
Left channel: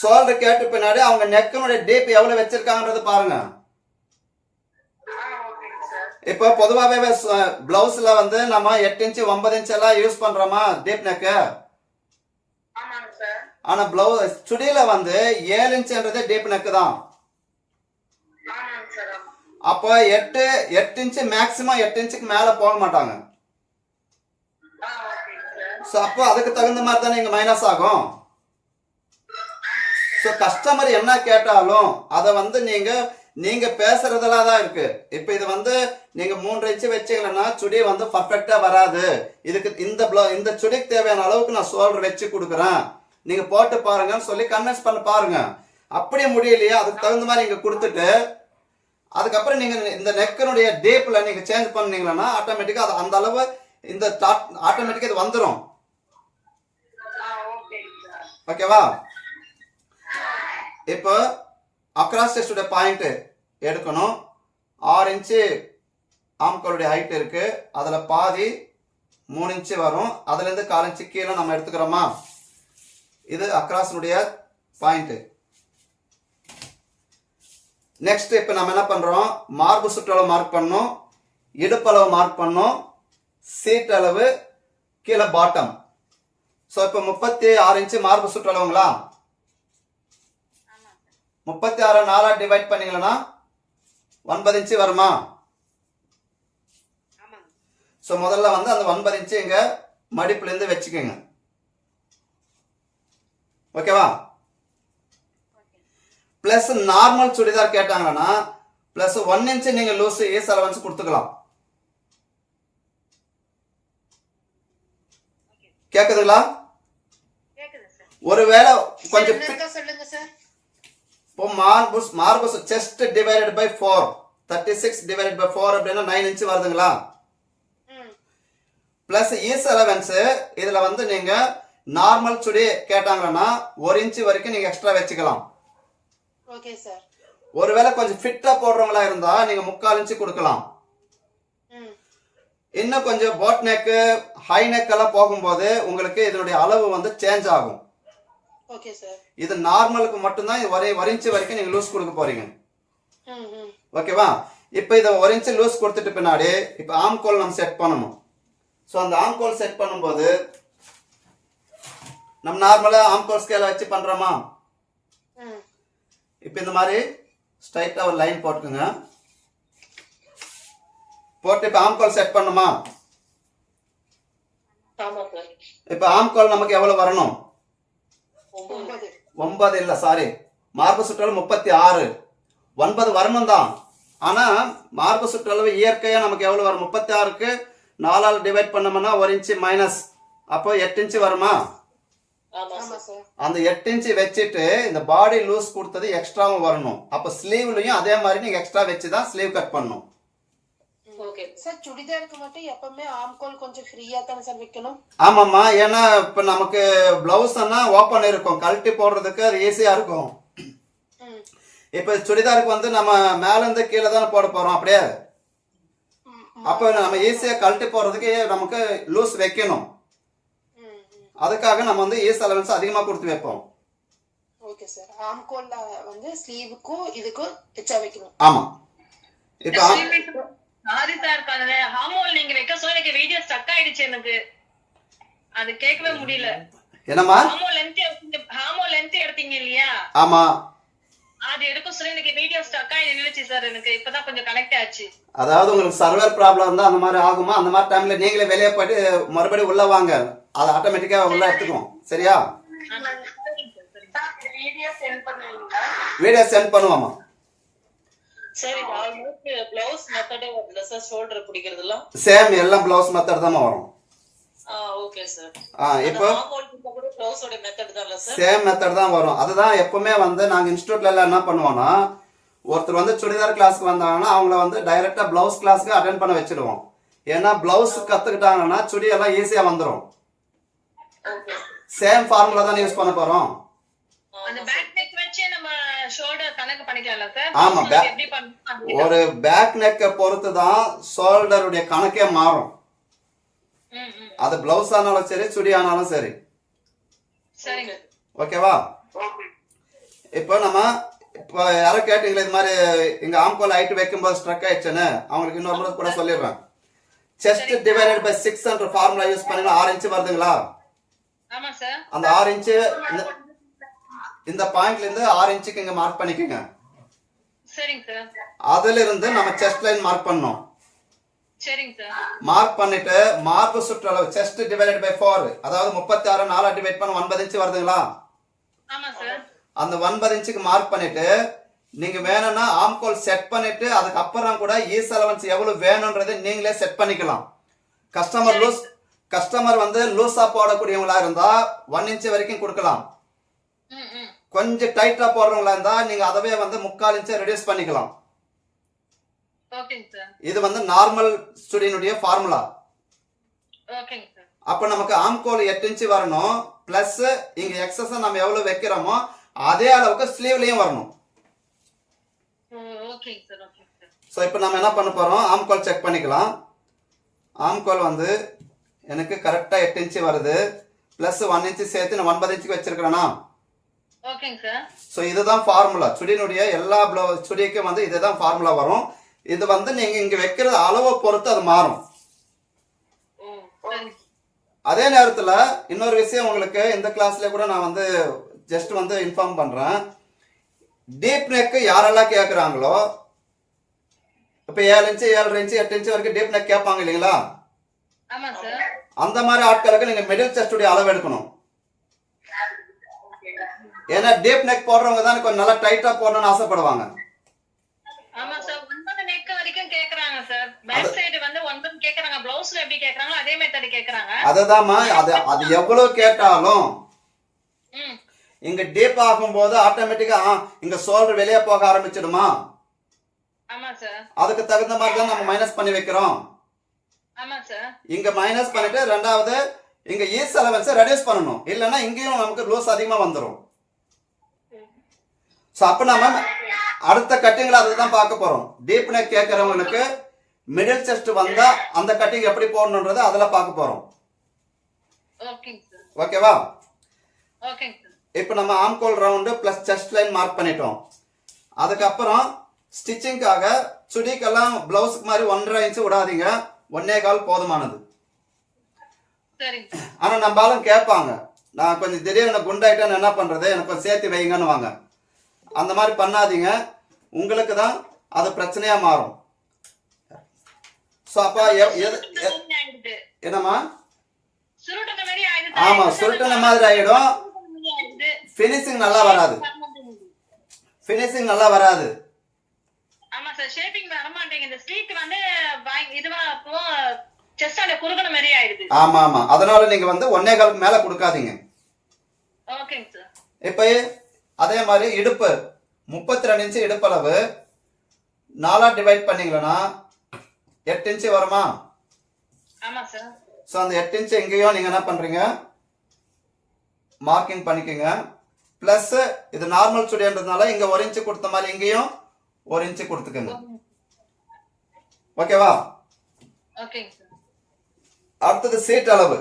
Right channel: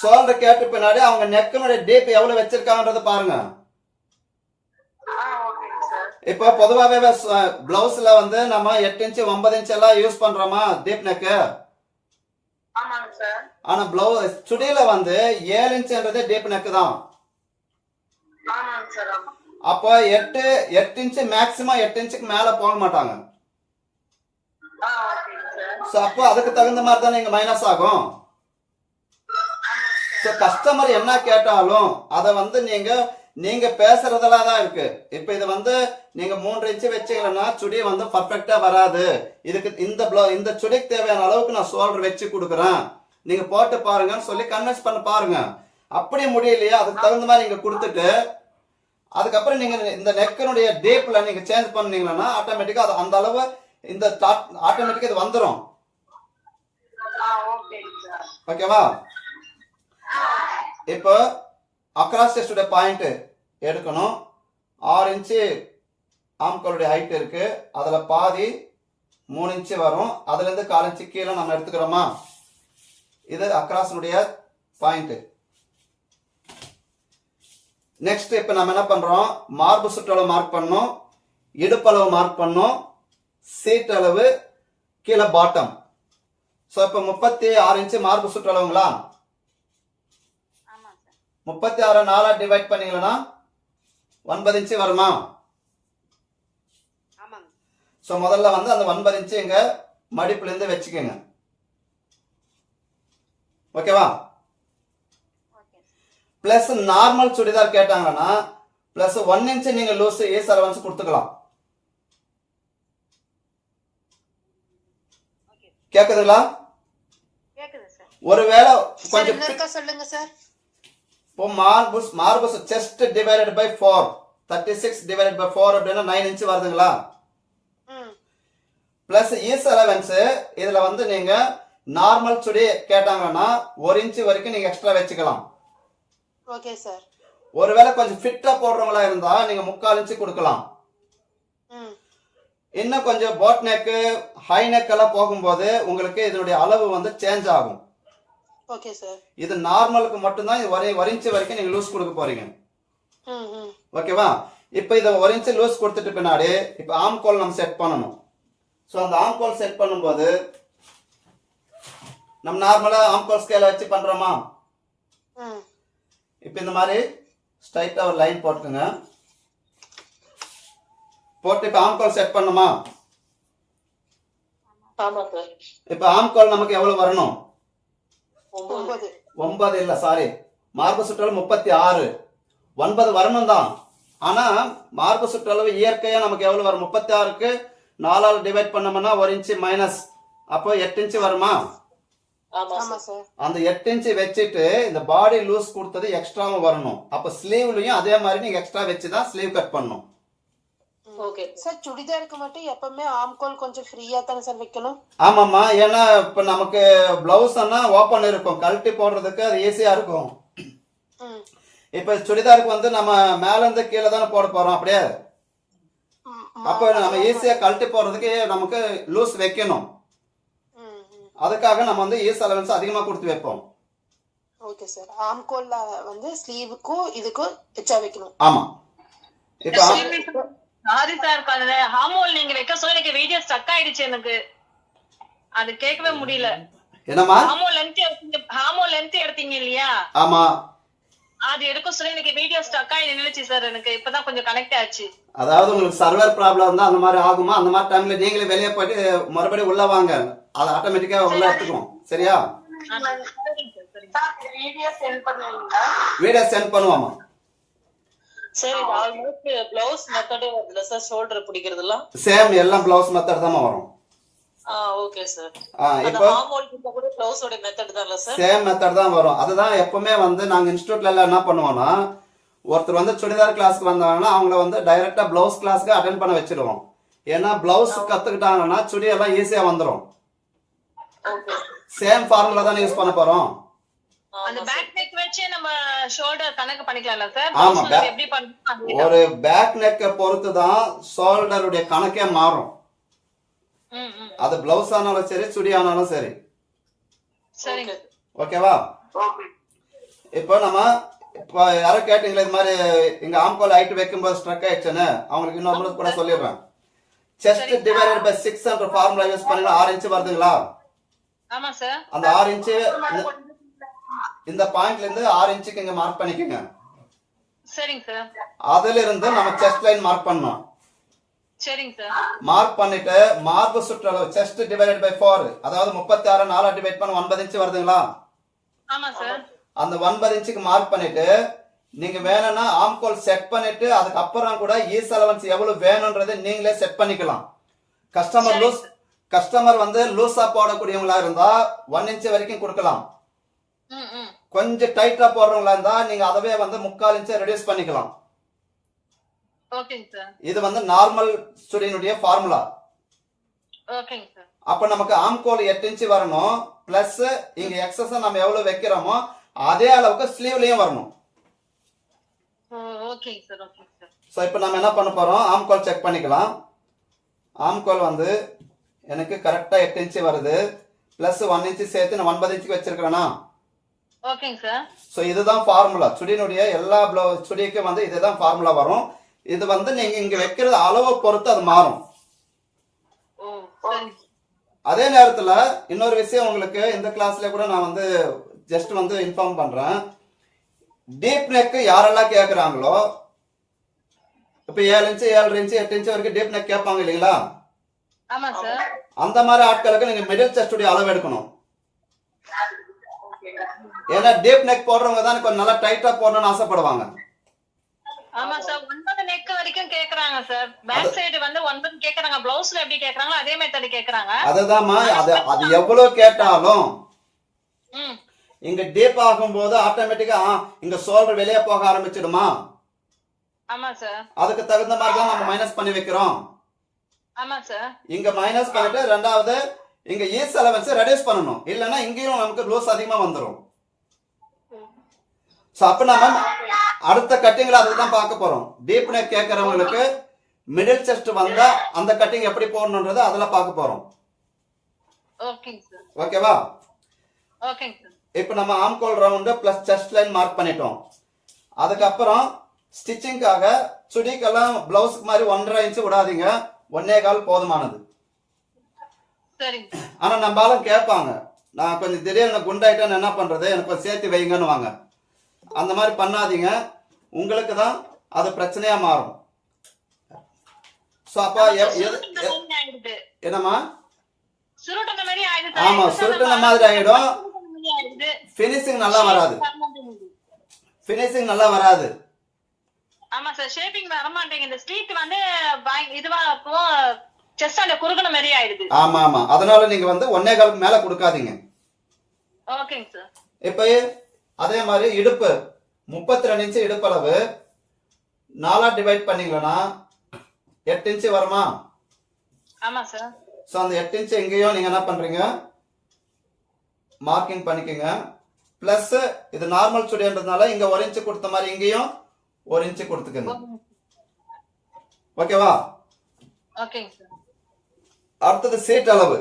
[SPEAKER 1] சோல்டர் கேட்ட பின்னாடி அவங்க நெக்கனுடைய டீப் எவ்வளவு வச்சிருக்காங்கன்றத பாருங்க. இப்போ பொதுவாகவே பிளவுஸ்ல வந்து நம்ம எட்டு இன்ச்சு ஒன்பது இன்ச் எல்லாம் யூஸ் பண்றோமா டீப் நெக்கு
[SPEAKER 5] ஆமாங்க சார்
[SPEAKER 1] ஆனா பிளவுஸ் சுடியில வந்து ஏழு இன்ச்சுன்றது டீப் நெக்கு தான். அப்போ எட்டு எட்டு இன்ச்சு மேக்சிமம் எட்டு இன்ச்சுக்கு மேல போக மாட்டாங்க. ஸோ அப்போ அதுக்கு தகுந்த மாதிரி தானே இங்க மைனஸ் ஆகும்? ஸோ கஸ்டமர் என்ன கேட்டாலும் அதை வந்து நீங்க நீங்க பேசுறதுல தான் இருக்கு. இப்போ இது வந்து நீங்க மூன்று இன்ச்சு வச்சீங்கன்னா சுடி வந்து பர்ஃபெக்டா வராது. இதுக்கு இந்த ப்ளவு இந்த சுடிக்கு தேவையான அளவுக்கு நான் சோல்டர் வச்சு கொடுக்குறேன். நீங்க போட்டு பாருங்கன்னு சொல்லி கன்வின்ஸ் பண்ண பாருங்க. அப்படியே முடியலையா அதுக்கு தகுந்த மாதிரி நீங்க கொடுத்துட்டு அதுக்கப்புறம் நீங்க இந்த நெக்கனுடைய டீப்ல நீங்க சேஞ்ச் பண்ணீங்கன்னா ஆட்டோமேட்டிக்கா அது அந்த அளவு இந்த ஆட்டோமேட்டிக்கா இது வந்துடும் ஓகேவா இப்போ அக்ராஸ் டெஸ்டுடைய பாயிண்ட்டு எடுக்கணும். ஆறு இன்ச்சு ஆம்கோளுடைய ஹைட் இருக்கு. அதில் பாதி மூணு இன்ச்சு வரும். அதுலேருந்து கால் இன்ச்சு கீழே நம்ம எடுத்துக்கிறோமா? இது அக்ராஸினுடைய பாயிண்ட்டு நெக்ஸ்ட் இப்போ நம்ம என்ன பண்ணுறோம் மார்பு சுற்றளவு மார்க் பண்ணோம் இடுப்பளவு மார்க் பண்ணோம் சீட் அளவு கீழே பாட்டம் ஸோ இப்போ முப்பத்தி ஆறு இன்ச்சு மார்பு சுற்றளவுங்களா முப்பத்தி ஆறு நாலா டிவைட் பண்ணீங்கன்னா ஒன்பது இன்ச்சு வருமா? ஸோ முதல்ல வந்து அந்த ஒன்பது இன்ச்சு இங்க மடிப்புலேருந்து வச்சுக்கோங்க. ஓகேவா? ப்ளஸ் நார்மல் சுடிதார் கேட்டாங்கன்னா ப்ளஸ் ஒன் இன்ச்சு நீங்க லூஸ் ஏஸ் அலவன்ஸ் கொடுத்துக்கலாம். கேக்குதுங்களா? ஒருவேளை கொஞ்சம்
[SPEAKER 3] சொல்லுங்க சார்.
[SPEAKER 1] இப்போ மார்புஸ் மார்புஸ் chest divided by four thirty six divided by four அப்படின்னா நைன் இன்ச் வருதுங்களா?
[SPEAKER 3] ம்.
[SPEAKER 1] பிளஸ் ஈஸ் அலவன்ஸ் இதுல வந்து நீங்க நார்மல் சுடி கேட்டாங்கன்னா ஒரு இன்ச் வரைக்கும் நீங்க எக்ஸ்ட்ரா வச்சுக்கலாம்.
[SPEAKER 3] ஓகே சார்
[SPEAKER 1] ஒருவேளை கொஞ்சம் ஃபிட்டா போடுறவங்களா இருந்தா நீங்க முக்கால் இன்ச்சு கொடுக்கலாம். இன்னும் கொஞ்சம் போட் நெக்கு ஹை நெக் எல்லாம் போகும்போது உங்களுக்கு இதனுடைய அளவு வந்து சேஞ்ச் ஆகும். இது நார்மலுக்கு மட்டும்தான் ஒரு இன்ச்சு வரைக்கும் நீங்க லூஸ் கொடுக்க போறீங்க. ஓகேவா இப்போ இதை இன்ச்சு லூஸ் கொடுத்துட்டு பின்னாடி இப்போ ஆம்கோல் நம்ம செட் பண்ணணும். ஸோ அந்த ஆம்கோல் செட் பண்ணும்போது நம்ம நார்மலாக ஆம்கோல் ஸ்கேலை வச்சு பண்ணுறோமா
[SPEAKER 3] ம்.
[SPEAKER 1] இப்போ இந்த மாதிரி ஸ்ட்ரைட்டாக ஒரு லைன் போட்டுக்குங்க. போட்டு இப்போ ஆம்கோல் செட் பண்ணுமா?
[SPEAKER 3] ஆமா சார்
[SPEAKER 1] இப்போ ஆம்கோல் நமக்கு எவ்வளோ வரணும்?
[SPEAKER 3] ஒன்பது.
[SPEAKER 1] ஒன்பது இல்லை சாரி மார்பு சுற்றளவு முப்பத்தி ஆறு. ஒன்பது வரணும் தான். ஆனால் மார்பு சுற்றளவு இயற்கையாக நமக்கு எவ்வளோ வரும்? முப்பத்தி ஆறுக்கு நாலால் டிவைட் பண்ணோம்னா ஒரு இன்ச்சு மைனஸ் அப்போ எட்டு இன்ச்சு வருமா?
[SPEAKER 3] ஆமா சார்
[SPEAKER 1] அந்த எட்டு இன்ச்சு வச்சுட்டு இந்த பாடி லூஸ் கொடுத்தது எக்ஸ்ட்ராவும் வரணும். அப்போ ஸ்லீவ்லையும் அதே மாதிரி நீங்கள் எக்ஸ்ட்ரா வச்சு தான் ஸ்லீவ் கட் பண்ணணும்.
[SPEAKER 3] சார் சுடிதாருக்கு மட்டும் எப்பவுமே ஆம்கோல் கொஞ்சம் ஃப்ரீயா தானே சார் வைக்கணும்?
[SPEAKER 1] ஆமாம்மா ஏன்னா இப்போ நமக்கு பிளவுஸ்னா ஓப்பன் இருக்கும். கழட்டி போடுறதுக்கு அது ஈஸியாக இருக்கும்.
[SPEAKER 3] ம்.
[SPEAKER 1] இப்போ சுடிதாருக்கு வந்து நம்ம மேலேருந்து கீழே தானே போட போகிறோம் அப்படியே? அப்போ நம்ம ஈஸியாக கழட்டி போடுறதுக்கு நமக்கு லூஸ் வைக்கணும். அதுக்காக நம்ம வந்து ஈஸ் அலவன்ஸ் அதிகமாக கொடுத்து வைப்போம்.
[SPEAKER 3] ஓகே சார் ஆம்கோல்ல வந்து ஸ்லீவுக்கும் இதுக்கும் எச்சா வைக்கணும்.
[SPEAKER 1] ஆமாம் இப்போ ஆம்-
[SPEAKER 2] சாரி சார் ஹார்மோன் நீங்க வைக்க சொல்லி எனக்கு வீடியோ ஸ்டக் ஆயிடுச்சு எனக்கு. அது கேட்கவே முடியல.
[SPEAKER 1] என்னம்மா?
[SPEAKER 2] ஹார்மோன் லென்த் எடுத்தீங்க ஹார்மோன் லென்த் எடுத்தீங்க இல்லையா?
[SPEAKER 1] ஆமாம்
[SPEAKER 2] அது எடுக்க சொல்லி எனக்கு வீடியோ ஸ்டக் ஆகி நின்னுச்சு சார் எனக்கு. இப்பதான் கொஞ்சம் கனெக்ட் ஆச்சு.
[SPEAKER 1] அதாவது உங்களுக்கு சர்வர் ப்ராப்ளம் இருந்தால் அந்த மாதிரி ஆகுமா? அந்த மாதிரி டைமில் நீங்களே வெளியே போயிட்டு மறுபடியும் உள்ளே வாங்க. அது ஆட்டோமேட்டிக்காக உள்ளே எடுத்துக்கும் சரியா?
[SPEAKER 2] ஆமா.
[SPEAKER 5] வீடியோ சென்ட் பண்ணுவீங்களா?
[SPEAKER 1] சேம் எல்லாம் ப்ளவுஸ் மெத்தட் தான் வரும்.
[SPEAKER 6] ஆ ஓகே சார்
[SPEAKER 1] ஆ
[SPEAKER 6] அந்த
[SPEAKER 1] இப்போ சேம் மெத்தட் தான் வரும். அதுதான் எப்பவுமே வந்து நாங்கள் இன்ஸ்டியூட்ல எல்லாம் என்ன பண்ணுவோம்னா ஒருத்தர் வந்து சுடிதார் கிளாஸ்க்கு வந்தாங்கன்னா அவங்கள வந்து டைரக்டா பிளவுஸ் கிளாஸ்க்கு அட்டன் பண்ண வச்சிடுவோம் ஏன்னா பிளவுஸ் கத்துக்கிட்டாங்கன்னா சுடி எல்லாம் ஈஸியா வந்துடும்
[SPEAKER 6] ஓகே
[SPEAKER 1] சேம் ஃபார்முலா தானே யூஸ் பண்ண போறோம்
[SPEAKER 2] அந்த பேக் நெக் வச்சு வச்சே நம்ம ஷோல்டர் கணக்கு பண்ணிக்கலாம்ல சார்
[SPEAKER 1] ஆமா,
[SPEAKER 2] Blouse
[SPEAKER 1] back-
[SPEAKER 2] எப்படி பண்ணணும்
[SPEAKER 1] ஒரு பேக் நெக்கை பொறுத்து தான் ஷோல்டருடைய கணக்கே மாறும். அது பிளவுஸ் ஆனாலும் சரி சுடி ஆனாலும் சரி. ஓகேவா?
[SPEAKER 5] ஓகே.
[SPEAKER 1] இப்போ நம்ம இப்போ யாரோ கேட்டீங்களா இது மாதிரி இங்க ஆம்கோல் ஹைட் வைக்கும்போது ஸ்ட்ரக் ஆயிடுச்சுன்னு அவங்களுக்கு இன்னொரு முறை கூட சொல்லிடுறேன். செஸ்ட் டிவைடட் பை சிக்ஸ் என்ற ஃபார்முலா யூஸ் பண்ணி ஆறு இன்ச்சு வருதுங்களா?
[SPEAKER 2] ஆமா சார்
[SPEAKER 1] அந்த ஆறு இன்ச்சு இந்த- பாயிண்ட்ல இருந்து ஆறு இன்ச்சுக்கு இங்க மார்க் பண்ணிக்கோங்க. அதுல இருந்து நம்ம செஸ்ட் லைன் மார்க் பண்ணோம் மார்க் பண்ணிட்டு மார்பு சுற்றளவு செஸ்ட் டிவைடட் பை ஃபோர் அதாவது முப்பத்தி ஆறு நாலா டிவைட் பண்ண ஒன்பது இன்ச்சு வருதுங்களா?
[SPEAKER 2] ஆமா சார்
[SPEAKER 1] அந்த ஒன்பது இன்ச்சுக்கு மார்க் பண்ணிட்டு நீங்க வேணும்னா ஆம்கோல் செட் பண்ணிட்டு அதுக்கப்புறம் கூட ஈஸ் அலவன்ஸ் எவ்வளவு வேணும்ன்றதை நீங்களே செட் பண்ணிக்கலாம். கஸ்டமர் லூஸ் கஸ்டமர் வந்து லூஸா போடக்கூடியவங்களா இருந்தா ஒன் இன்ச் வரைக்கும் கொடுக்கலாம். கொஞ்சம் டைட்டா போடுறவங்களா இருந்தா நீங்க அதவே வந்து முக்கால் இன்ச்சை ரெடியூஸ் பண்ணிக்கலாம். இது வந்து நார்மல் ஸ்டுடியனுடைய ஃபார்முலா அப்ப நமக்கு ஆம்கோல் எட்டு இன்ச்சு வரணும். பிளஸ் இங்க எக்ஸஸ் நம்ம எவ்வளவு வைக்கிறோமோ அதே அளவுக்கு ஸ்லீவ்லயும் வரணும். ஸோ இப்போ நம்ம என்ன பண்ண போறோம்? ஆம்கோல் செக் பண்ணிக்கலாம். ஆம்கோல் வந்து எனக்கு கரெக்டாக எட்டு இன்ச்சு வருது. ப்ளஸ் ஒன் இன்ச்சு சேர்த்து நான் ஒன்பது இன்ச்சுக்கு வச்சிருக்கிறேனா?
[SPEAKER 2] ஓகேங்க சார்.
[SPEAKER 1] ஸோ இதுதான் ஃபார்முலா சுடியினுடைய எல்லா ப்ளவு சுடிக்கும் வந்து இதுதான் ஃபார்முலா வரும். இது வந்து நீங்கள் இங்கே வைக்கிற அளவை பொறுத்து அது மாறும். அதே நேரத்தில் இன்னொரு விஷயம் உங்களுக்கு இந்த கிளாஸ்ல கூட நான் வந்து ஜஸ்ட் வந்து இன்ஃபார்ம் பண்ணுறேன் டீப் நெக் யாரெல்லாம் கேட்குறாங்களோ இப்போ ஏழு இன்ச்சு ஏழரை இன்ச்சு எட்டு இன்ச்சு வரைக்கும் டீப் நெக் கேட்பாங்க இல்லைங்களா? அந்த மாதிரி ஆட்களுக்கு நீங்கள் மிடில் செஸ்டுடைய அளவு எடுக்கணும். ஏன்னா டீப் நெக் போடுறவங்க தான் கொஞ்சம் நல்லா டைட்டாக போடணும்னு ஆசைப்படுவாங்க.
[SPEAKER 2] ஆமா சார் ஒன்பது நெக் வரைக்கும் கேக்குறாங்க சார். பேக் சைடு வந்து ஒன்பது கேக்குறாங்க பிளவுஸ்ல எப்படி கேக்குறாங்களோ அதே மெத்தட் கேக்குறாங்க.
[SPEAKER 1] அதுதாம்மா அது அது எவ்வளோ கேட்டாலும் இங்க டீப் ஆகும்போது ஆட்டோமேட்டிக்கா இங்க சோல்டர் வெளியே போக ஆரம்பிச்சிடுமா?
[SPEAKER 2] ஆமா சார்.
[SPEAKER 1] அதுக்கு தகுந்த மாதிரி தான் நம்ம மைனஸ் பண்ணி வைக்கிறோம்.
[SPEAKER 2] ஆமா சார்.
[SPEAKER 1] இங்க மைனஸ் பண்ணிட்டு ரெண்டாவது இங்க ஈஸ் அலவன்ஸ் ரெடியூஸ் பண்ணணும். இல்லைன்னா இங்கேயும் நமக்கு லூஸ் அதிகமா வந்துடும் ஸோ அப்போ நம்ம அடுத்த கட்டிங்கில் அதுக்கு தான் பார்க்க போறோம். டீப் நெக் கேட்கறவங்களுக்கு மிடில் செஸ்ட் வந்தா அந்த கட்டிங் எப்படி போடணுன்றதை அதில் பார்க்க
[SPEAKER 2] சார்
[SPEAKER 1] ஓகேவா இப்போ நம்ம ஆம்கோல் round plus chest line mark பண்ணிட்டோம். அதுக்கப்புறம் ஸ்டிச்சிங்காக சுடிக்கெல்லாம் பிளவுஸ்க்கு மாதிரி ஒன்றரை இன்ச்சு விடாதீங்க. ஒன்னே கால் போதுமானது. ஆனால் நம்ம ஆளும் கேட்பாங்க. நான் கொஞ்சம் திடீர்னு குண்டாயிட்டேன்னு என்ன பண்ணுறது எனக்கு கொஞ்சம் சேர்த்து வைங்கன்னு வாங்க அந்த மாதிரி பண்ணாதீங்க. உங்களுக்கு தான் அது பிரச்சனையாக மாறும். ஸோ அப்போ என்னம்மா
[SPEAKER 2] சுருட்டுன மாதிரி ஆயிடுது
[SPEAKER 1] ஆமா, சுருட்டுன மாதிரி
[SPEAKER 2] ஆயிடுது.
[SPEAKER 1] ஃபினிஷிங் நல்லா வராது. ஃபினிஷிங் நல்லா வராது.
[SPEAKER 2] ஆமா சார் ஷேப்பிங் வர மாட்டேங்குது. ஸ்ட்ரீட் வந்து இதுவா இப்போ செஸ்ட் அந்த குறுகுன மாதிரி ஆயிடுது.
[SPEAKER 1] ஆமா ஆமா. அதனால நீங்க வந்து ஒன்னே காலுக்கு மேல கொடுக்காதீங்க.
[SPEAKER 2] ஓகேங்க சார்
[SPEAKER 1] இப்போ அதே மாதிரி இடுப்பு. முப்பத்தி ரெண்டு இன்ச்சு இடுப்பளவு. நாலா டிவைட் பண்ணீங்களன்னா எட்டு இன்ச்சு வருமா?
[SPEAKER 2] ஆமா சார்
[SPEAKER 1] ஸோ அந்த எட்டு இன்ச்சு எங்கேயும் நீங்க என்ன பண்றீங்க? மார்க்கிங் பண்ணிக்கோங்க. ப்ளஸ் இது நார்மல் சுடின்றதுனால இங்க ஒரு இன்ச்சு கொடுத்த மாதிரி இங்கேயும் ஒரு இன்ச்சு கொடுத்துக்கோங்க. ஓகேவா அடுத்தது சீட் அளவு.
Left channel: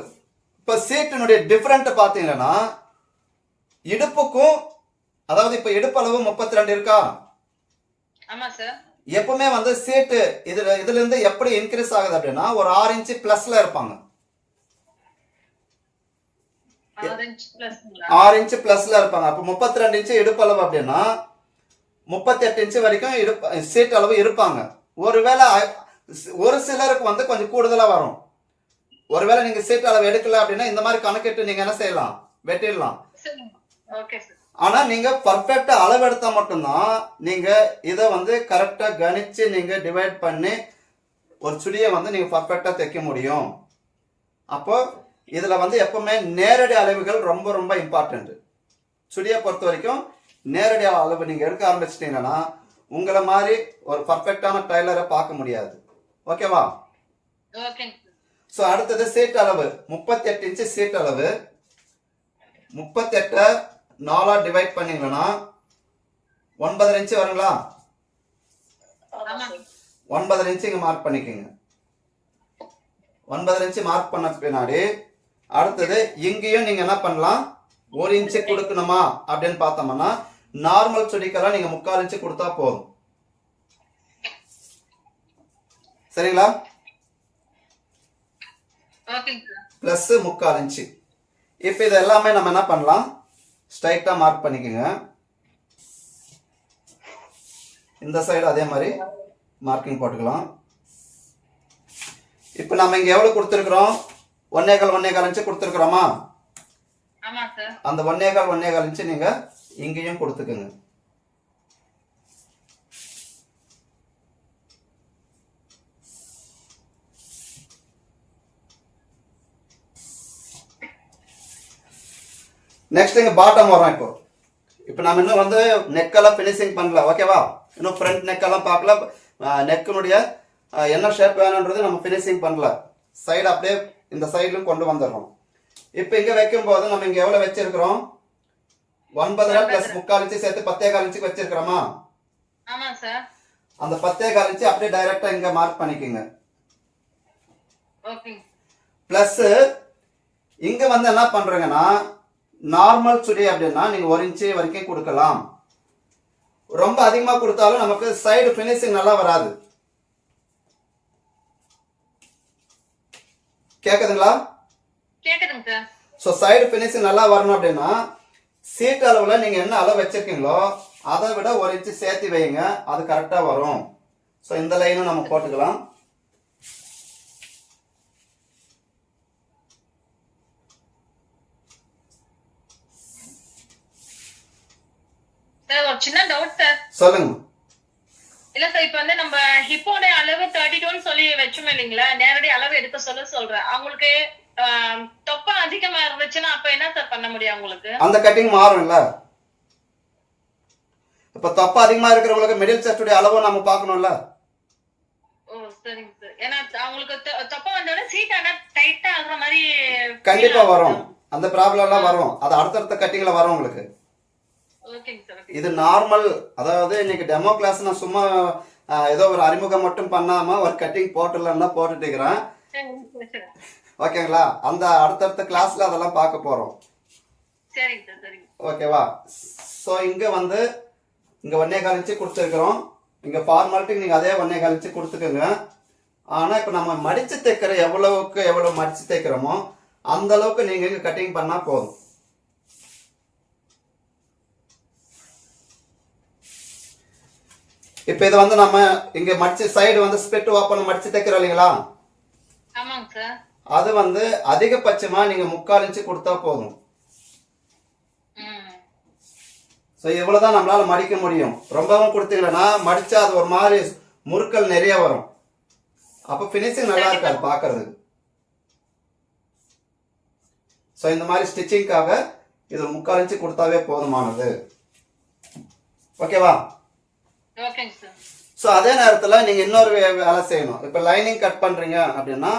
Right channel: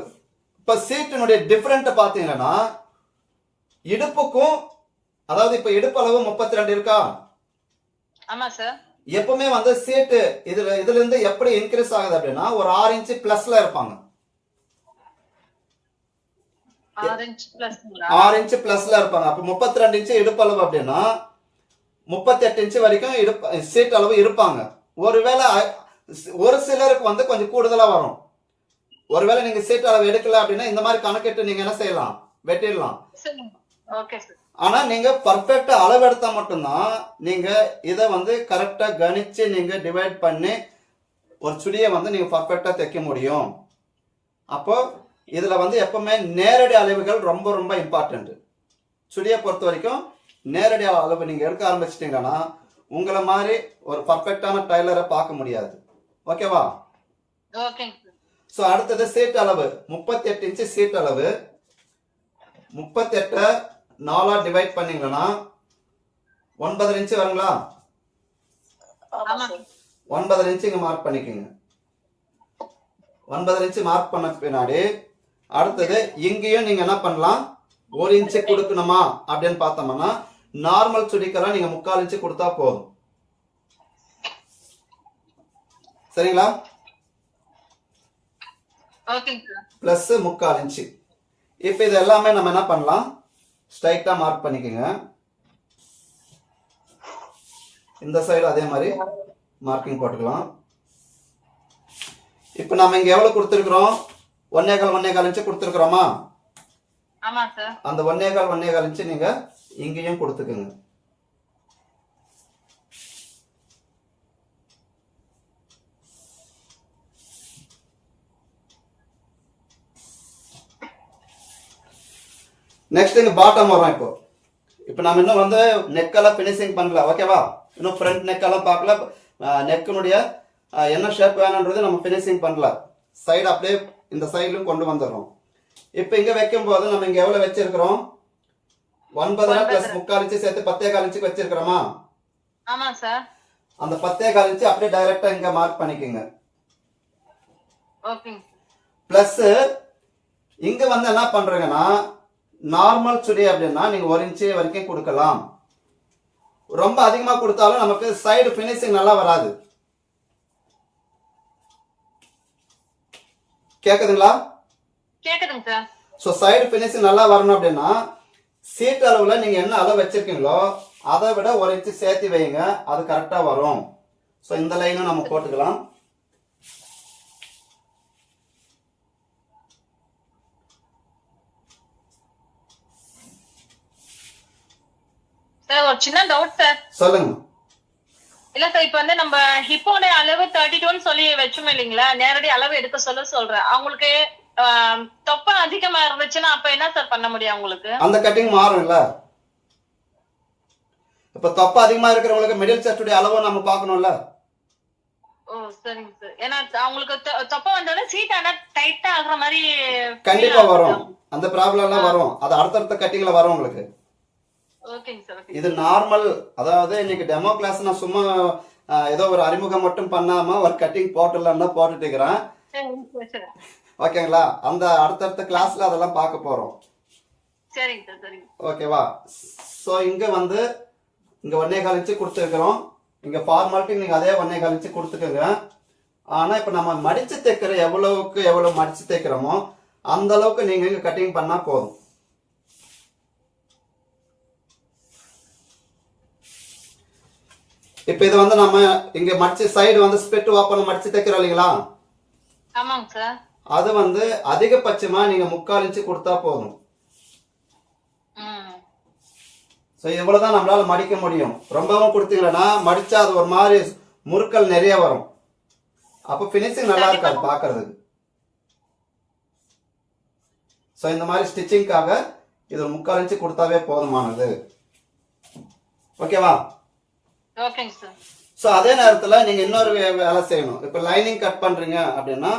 [SPEAKER 1] இப்போ சீட்டினுடைய டிஃபரெண்ட் பார்த்தீங்கன்னா இடுப்புக்கும் அதாவது இப்போ அளவு முப்பத்தி ரெண்டு இருக்கா?
[SPEAKER 2] ஆமா சார்
[SPEAKER 1] எப்பவுமே வந்து சீட்டு இதுல இதுல இருந்து எப்படி இன்க்ரீஸ் ஆகுது அப்படின்னா ஒரு ஆறு இன்ச்சு பிளஸ்ல இருப்பாங்க. ஆறு இன்ச்சு பிளஸ்ல இருப்பாங்க. அப்போ முப்பத்தி ரெண்டு இன்ச்சு இடுப்பு அளவு அப்படின்னா முப்பத்தி எட்டு இன்ச்சு வரைக்கும் இடுப்பு சீட் அளவு இருப்பாங்க. ஒருவேளை ஒரு சிலருக்கு வந்து கொஞ்சம் கூடுதலா வரும். ஒருவேளை நீங்க சீட் அளவு எடுக்கல அப்படின்னா இந்த மாதிரி கணக்கிட்டு நீங்க என்ன செய்யலாம்? வெட்டிடலாம்.
[SPEAKER 2] சரி ஓகே சார்
[SPEAKER 1] ஆனா நீங்க பர்ஃபெக்டா அளவெடுத்தா மட்டும்தான் நீங்க இதை வந்து கரெக்டா கணிச்சு நீங்க டிவைட் பண்ணி ஒரு சுடியை வந்து நீங்க பர்ஃபெக்டா தைக்க முடியும். அப்போ இதுல வந்து எப்பவுமே நேரடி அளவுகள் ரொம்ப ரொம்ப இம்பார்ட்டன்ட் சுடியை பொறுத்த வரைக்கும் நேரடி அளவு நீங்க எடுக்க ஆரம்பிச்சிட்டீங்கன்னா உங்களை மாதிரி ஒரு பர்ஃபெக்டான டைலரை பார்க்க முடியாது. ஓகேவா? ஸோ அடுத்தது சீட் அளவு முப்பத்தி எட்டு இன்ச்சு சீட் அளவு முப்பத்தெட்டை நாலாக டிவைட் பண்ணீங்கன்னா ஒன்பதரை இன்ச்சு வருங்களா? ஒன்பதரை இன்ச்சு இங்கே மார்க் பண்ணிக்கோங்க. ஒன்பதரை இன்ச்சு மார்க் பண்ண பின்னாடி அடுத்தது இங்கேயும் நீங்கள் என்ன பண்ணலாம்? ஒரு இன்ச்சு கொடுக்கணுமா? அப்படின்னு பார்த்தோம்னா நார்மல் சுடிக்கெல்லாம் நீங்கள் முக்கால் இன்ச்சு கொடுத்தா போதும். சரிங்களா? ப்ளஸ் முக்கால் இன்ச்சு இப்போ இது எல்லாமே நம்ம என்ன பண்ணலாம்? ஸ்ட்ரைட்டாக மார்க் பண்ணிக்கோங்க. இந்த சைடு அதே மாதிரி மார்க்கிங் போட்டுக்கலாம். இப்போ நம்ம இங்கே எவ்வளோ கொடுத்துருக்குறோம்? ஒன்னே கால் ஒன்னே கால் இன்ச்சு கொடுத்துருக்குறோமா? அந்த ஒன்னே கால் ஒன்னே கால் இன்ச்சு நீங்கள் இங்கேயும் கொடுத்துக்குங்க. நெக்ஸ்ட் இங்கே பாட்டம் வரும் இப்போ இப்போ நம்ம இன்னும் வந்து நெக்கெல்லாம் ஃபினிஷிங் பண்ணல ஓகேவா இன்னும் ஃப்ரண்ட் நெக்கெல்லாம் பார்க்கல. நெக்கினுடைய என்ன ஷேப் வேணுன்றது நம்ம ஃபினிஷிங் பண்ணல. சைடு அப்படியே இந்த சைட்லையும் கொண்டு வந்துடுறோம். இப்போ இங்கே வைக்கும்போது நம்ம இங்கே எவ்வளோ வச்சிருக்கிறோம்? ஒன்பதரை ப்ளஸ் முக்கால் இன்ச்சு சேர்த்து பத்தே கால் இன்ச்சுக்கு வச்சிருக்கிறோமா? அந்த பத்தே கால் இன்ச்சு அப்படியே டைரக்டா இங்க மார்க் பண்ணிக்கோங்க.
[SPEAKER 2] ஓகேங்க
[SPEAKER 1] பிளஸ் இங்க வந்து என்ன பண்றீங்கன்னா நார்மல் சுடி அப்படின்னா நீங்க ஒரு இன்ச்சு வரைக்கும் கொடுக்கலாம். ரொம்ப அதிகமா கொடுத்தாலும் நமக்கு சைடு ஃபினிஷிங் நல்லா வராது. கேக்குதுங்களா? ஸோ சைடு ஃபினிஷிங் நல்லா வரணும் அப்படின்னா சீட் அளவில் நீங்கள் என்ன அளவு வச்சிருக்கீங்களோ அதை விட ஒரு இன்ச்சு சேர்த்து வைங்க அது கரெக்டாக வரும். ஸோ இந்த லைனும் நம்ம போட்டுக்கலாம்.
[SPEAKER 2] சார் ஒரு சின்ன டவுட் சார்
[SPEAKER 1] சொல்லுங்க.
[SPEAKER 2] இல்ல சார் இப்ப வந்து நம்ம ஹிப்போட அளவு தேர்ட்டி டூன்னு சொல்லி வச்சோம் இல்லைங்களா? நேரடி அளவு எடுக்க சொல்ல சொல்றேன். அவங்களுக்கு தொப்பை அதிகமா இருந்துச்சுன்னா அப்ப என்ன சார் பண்ண முடியும் அவங்களுக்கு?
[SPEAKER 1] அந்த கட்டிங் மாறும்ல. இப்போ தொப்பை அதிகமாக இருக்கிறவங்களுக்கு மிடில் செஸ்டுடைய அளவும் நம்ம பார்க்கணும்ல.
[SPEAKER 2] ஓ சரிங்க சார் ஏன்னா அவங்களுக்கு தொப்பை வந்தோடனே சீட் ஆனா டைட்டா ஆகுற மாதிரி
[SPEAKER 1] கண்டிப்பா வரும். அந்த ப்ராப்ளம் எல்லாம் வரும். அது அடுத்தடுத்த கட்டிங்ல வரும் உங்களுக்கு. இது நார்மல் அதாவது இன்னைக்கு டெமோ கிளாஸ் நான் சும்மா ஏதோ ஒரு அறிமுகம் மட்டும் பண்ணாம ஒரு கட்டிங் போட்டுடலாம்னா போட்டுட்டு இருக்கிறேன் ஓகேங்களா? அந்த அடுத்தடுத்த கிளாஸ்ல அதெல்லாம் பார்க்க போறோம். ஓகேவா ஸோ இங்க வந்து இங்க ஒன்னே கால் இன்ச்சு கொடுத்துருக்குறோம். இங்க ஃபார்மாலிட்டி நீங்க அதே ஒன்னே கால் இன்ச்சு கொடுத்துக்கோங்க. ஆனா இப்ப நம்ம மடிச்சு தைக்கிற எவ்வளவுக்கு எவ்வளவு மடிச்சு தைக்கிறோமோ அந்த அளவுக்கு நீங்க இங்க கட்டிங் பண்ணா போதும். இப்ப இது வந்து நம்ம இங்க மடிச்சு சைடு வந்து ஸ்பிட் ஓப்பன் மடிச்சு தைக்கிறோம் இல்லைங்களா? அது வந்து அதிகபட்சமா நீங்க முக்கால் இன்ச்சு கொடுத்தா போதும். ஸோ இவ்வளவுதான் நம்மளால மடிக்க முடியும். ரொம்பவும் கொடுத்தீங்கன்னா மடிச்சா அது ஒரு மாதிரி முறுக்கல் நிறைய வரும். அப்போ ஃபினிஷிங் நல்லா இருக்காது பார்க்கறதுக்கு ஸோ இந்த மாதிரி ஸ்டிச்சிங்காக இது ஒரு முக்கால் இன்ச்சு கொடுத்தாவே போதுமானது. ஓகேவா ஸோ அதே நேரத்தில் நீங்கள் இன்னொரு வேலை செய்யணும். இப்போ லைனிங் கட் பண்ணுறீங்க அப்படின்னா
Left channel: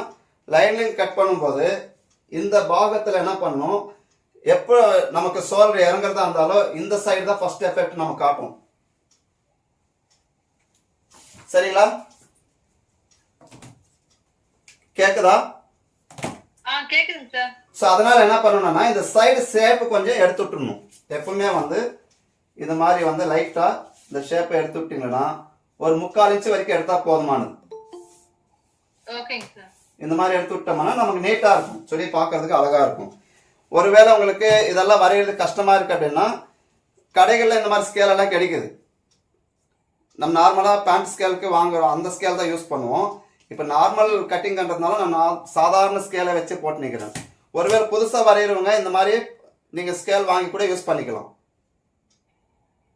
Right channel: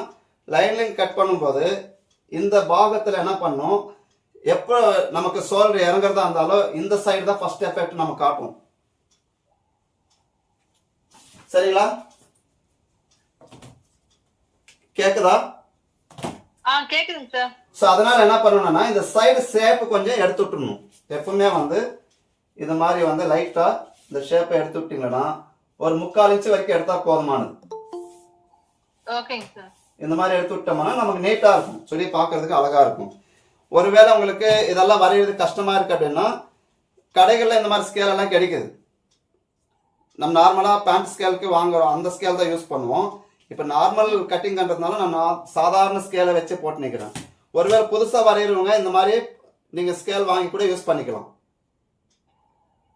[SPEAKER 1] லைனிங் கட் பண்ணும்போது இந்த பாகத்தில் என்ன பண்ணும்? எப்போ நமக்கு சோல்டர் இறங்குறதா இருந்தாலும் இந்த சைடு தான் ஃபர்ஸ்ட் எஃபெக்ட் நம்ம காட்டும். சரிங்களா? கேக்குதா? ஸோ அதனால என்ன பண்ணணும்னா இந்த சைடு ஷேப் கொஞ்சம் எடுத்து விட்டுறணும். எப்பவுமே வந்து இது மாதிரி வந்து லைட்டா இந்த ஷேப்பை எடுத்து விட்டீங்கன்னா ஒரு முக்கால் இன்ச்சு வரைக்கும் எடுத்தா போதுமானது. இந்த மாதிரி எடுத்து விட்டோம்னா நமக்கு நீட்டா இருக்கும். சொல்லி பார்க்கிறதுக்கு அழகா இருக்கும். ஒருவேளை உங்களுக்கு இதெல்லாம் வரைகிறது கஷ்டமா இருக்கு அப்படின்னா கடைகளில் இந்த மாதிரி ஸ்கேல் எல்லாம் கிடைக்குது. நம்ம நார்மலாக பேண்ட் ஸ்கேலுக்கு வாங்குறோம். அந்த ஸ்கேல் தான் யூஸ் பண்ணுவோம். இப்போ நார்மல் கட்டிங்ன்றதுனால நான் சாதாரண ஸ்கேலை வச்சு போட்டு நிற்கிறேன் ஒருவேளை புதுசாக வரைகிறவங்க இந்த மாதிரி நீங்கள் ஸ்கேல் வாங்கி கூட யூஸ் பண்ணிக்கலாம்.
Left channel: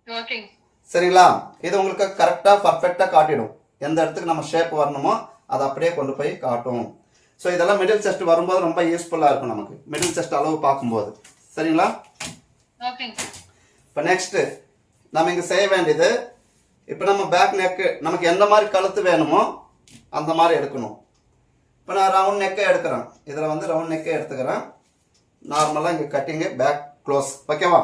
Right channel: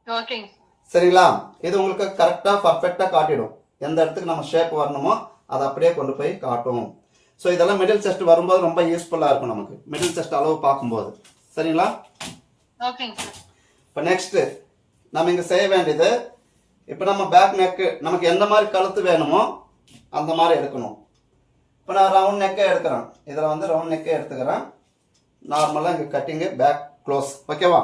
[SPEAKER 2] ஓகேங்க
[SPEAKER 1] சரிங்களா? இது உங்களுக்கு கரெக்டாக பர்ஃபெக்டாக காட்டிடும். எந்த இடத்துக்கு நம்ம ஷேப் வரணுமோ அதை அப்படியே கொண்டு போய் காட்டும். ஸோ இதெல்லாம் மிடில் செஸ்ட் வரும்போது ரொம்ப யூஸ்ஃபுல்லாக இருக்கும் நமக்கு. மிடில் செஸ்ட் அளவு பார்க்கும்போது. சரிங்களா? இப்போ நெக்ஸ்ட்டு நம்ம இங்கே செய்ய வேண்டியது இப்போ நம்ம பேக் நெக்கு நமக்கு எந்த மாதிரி கழுத்து வேணுமோ அந்த மாதிரி எடுக்கணும். இப்போ நான் ரவுண்ட் நெக்கே எடுக்கிறேன். இதில் வந்து ரவுண்ட் நெக்கே எடுத்துக்கிறேன். நார்மலாக இங்கே கட்டிங்கு பேக் க்ளோஸ் ஓகேவா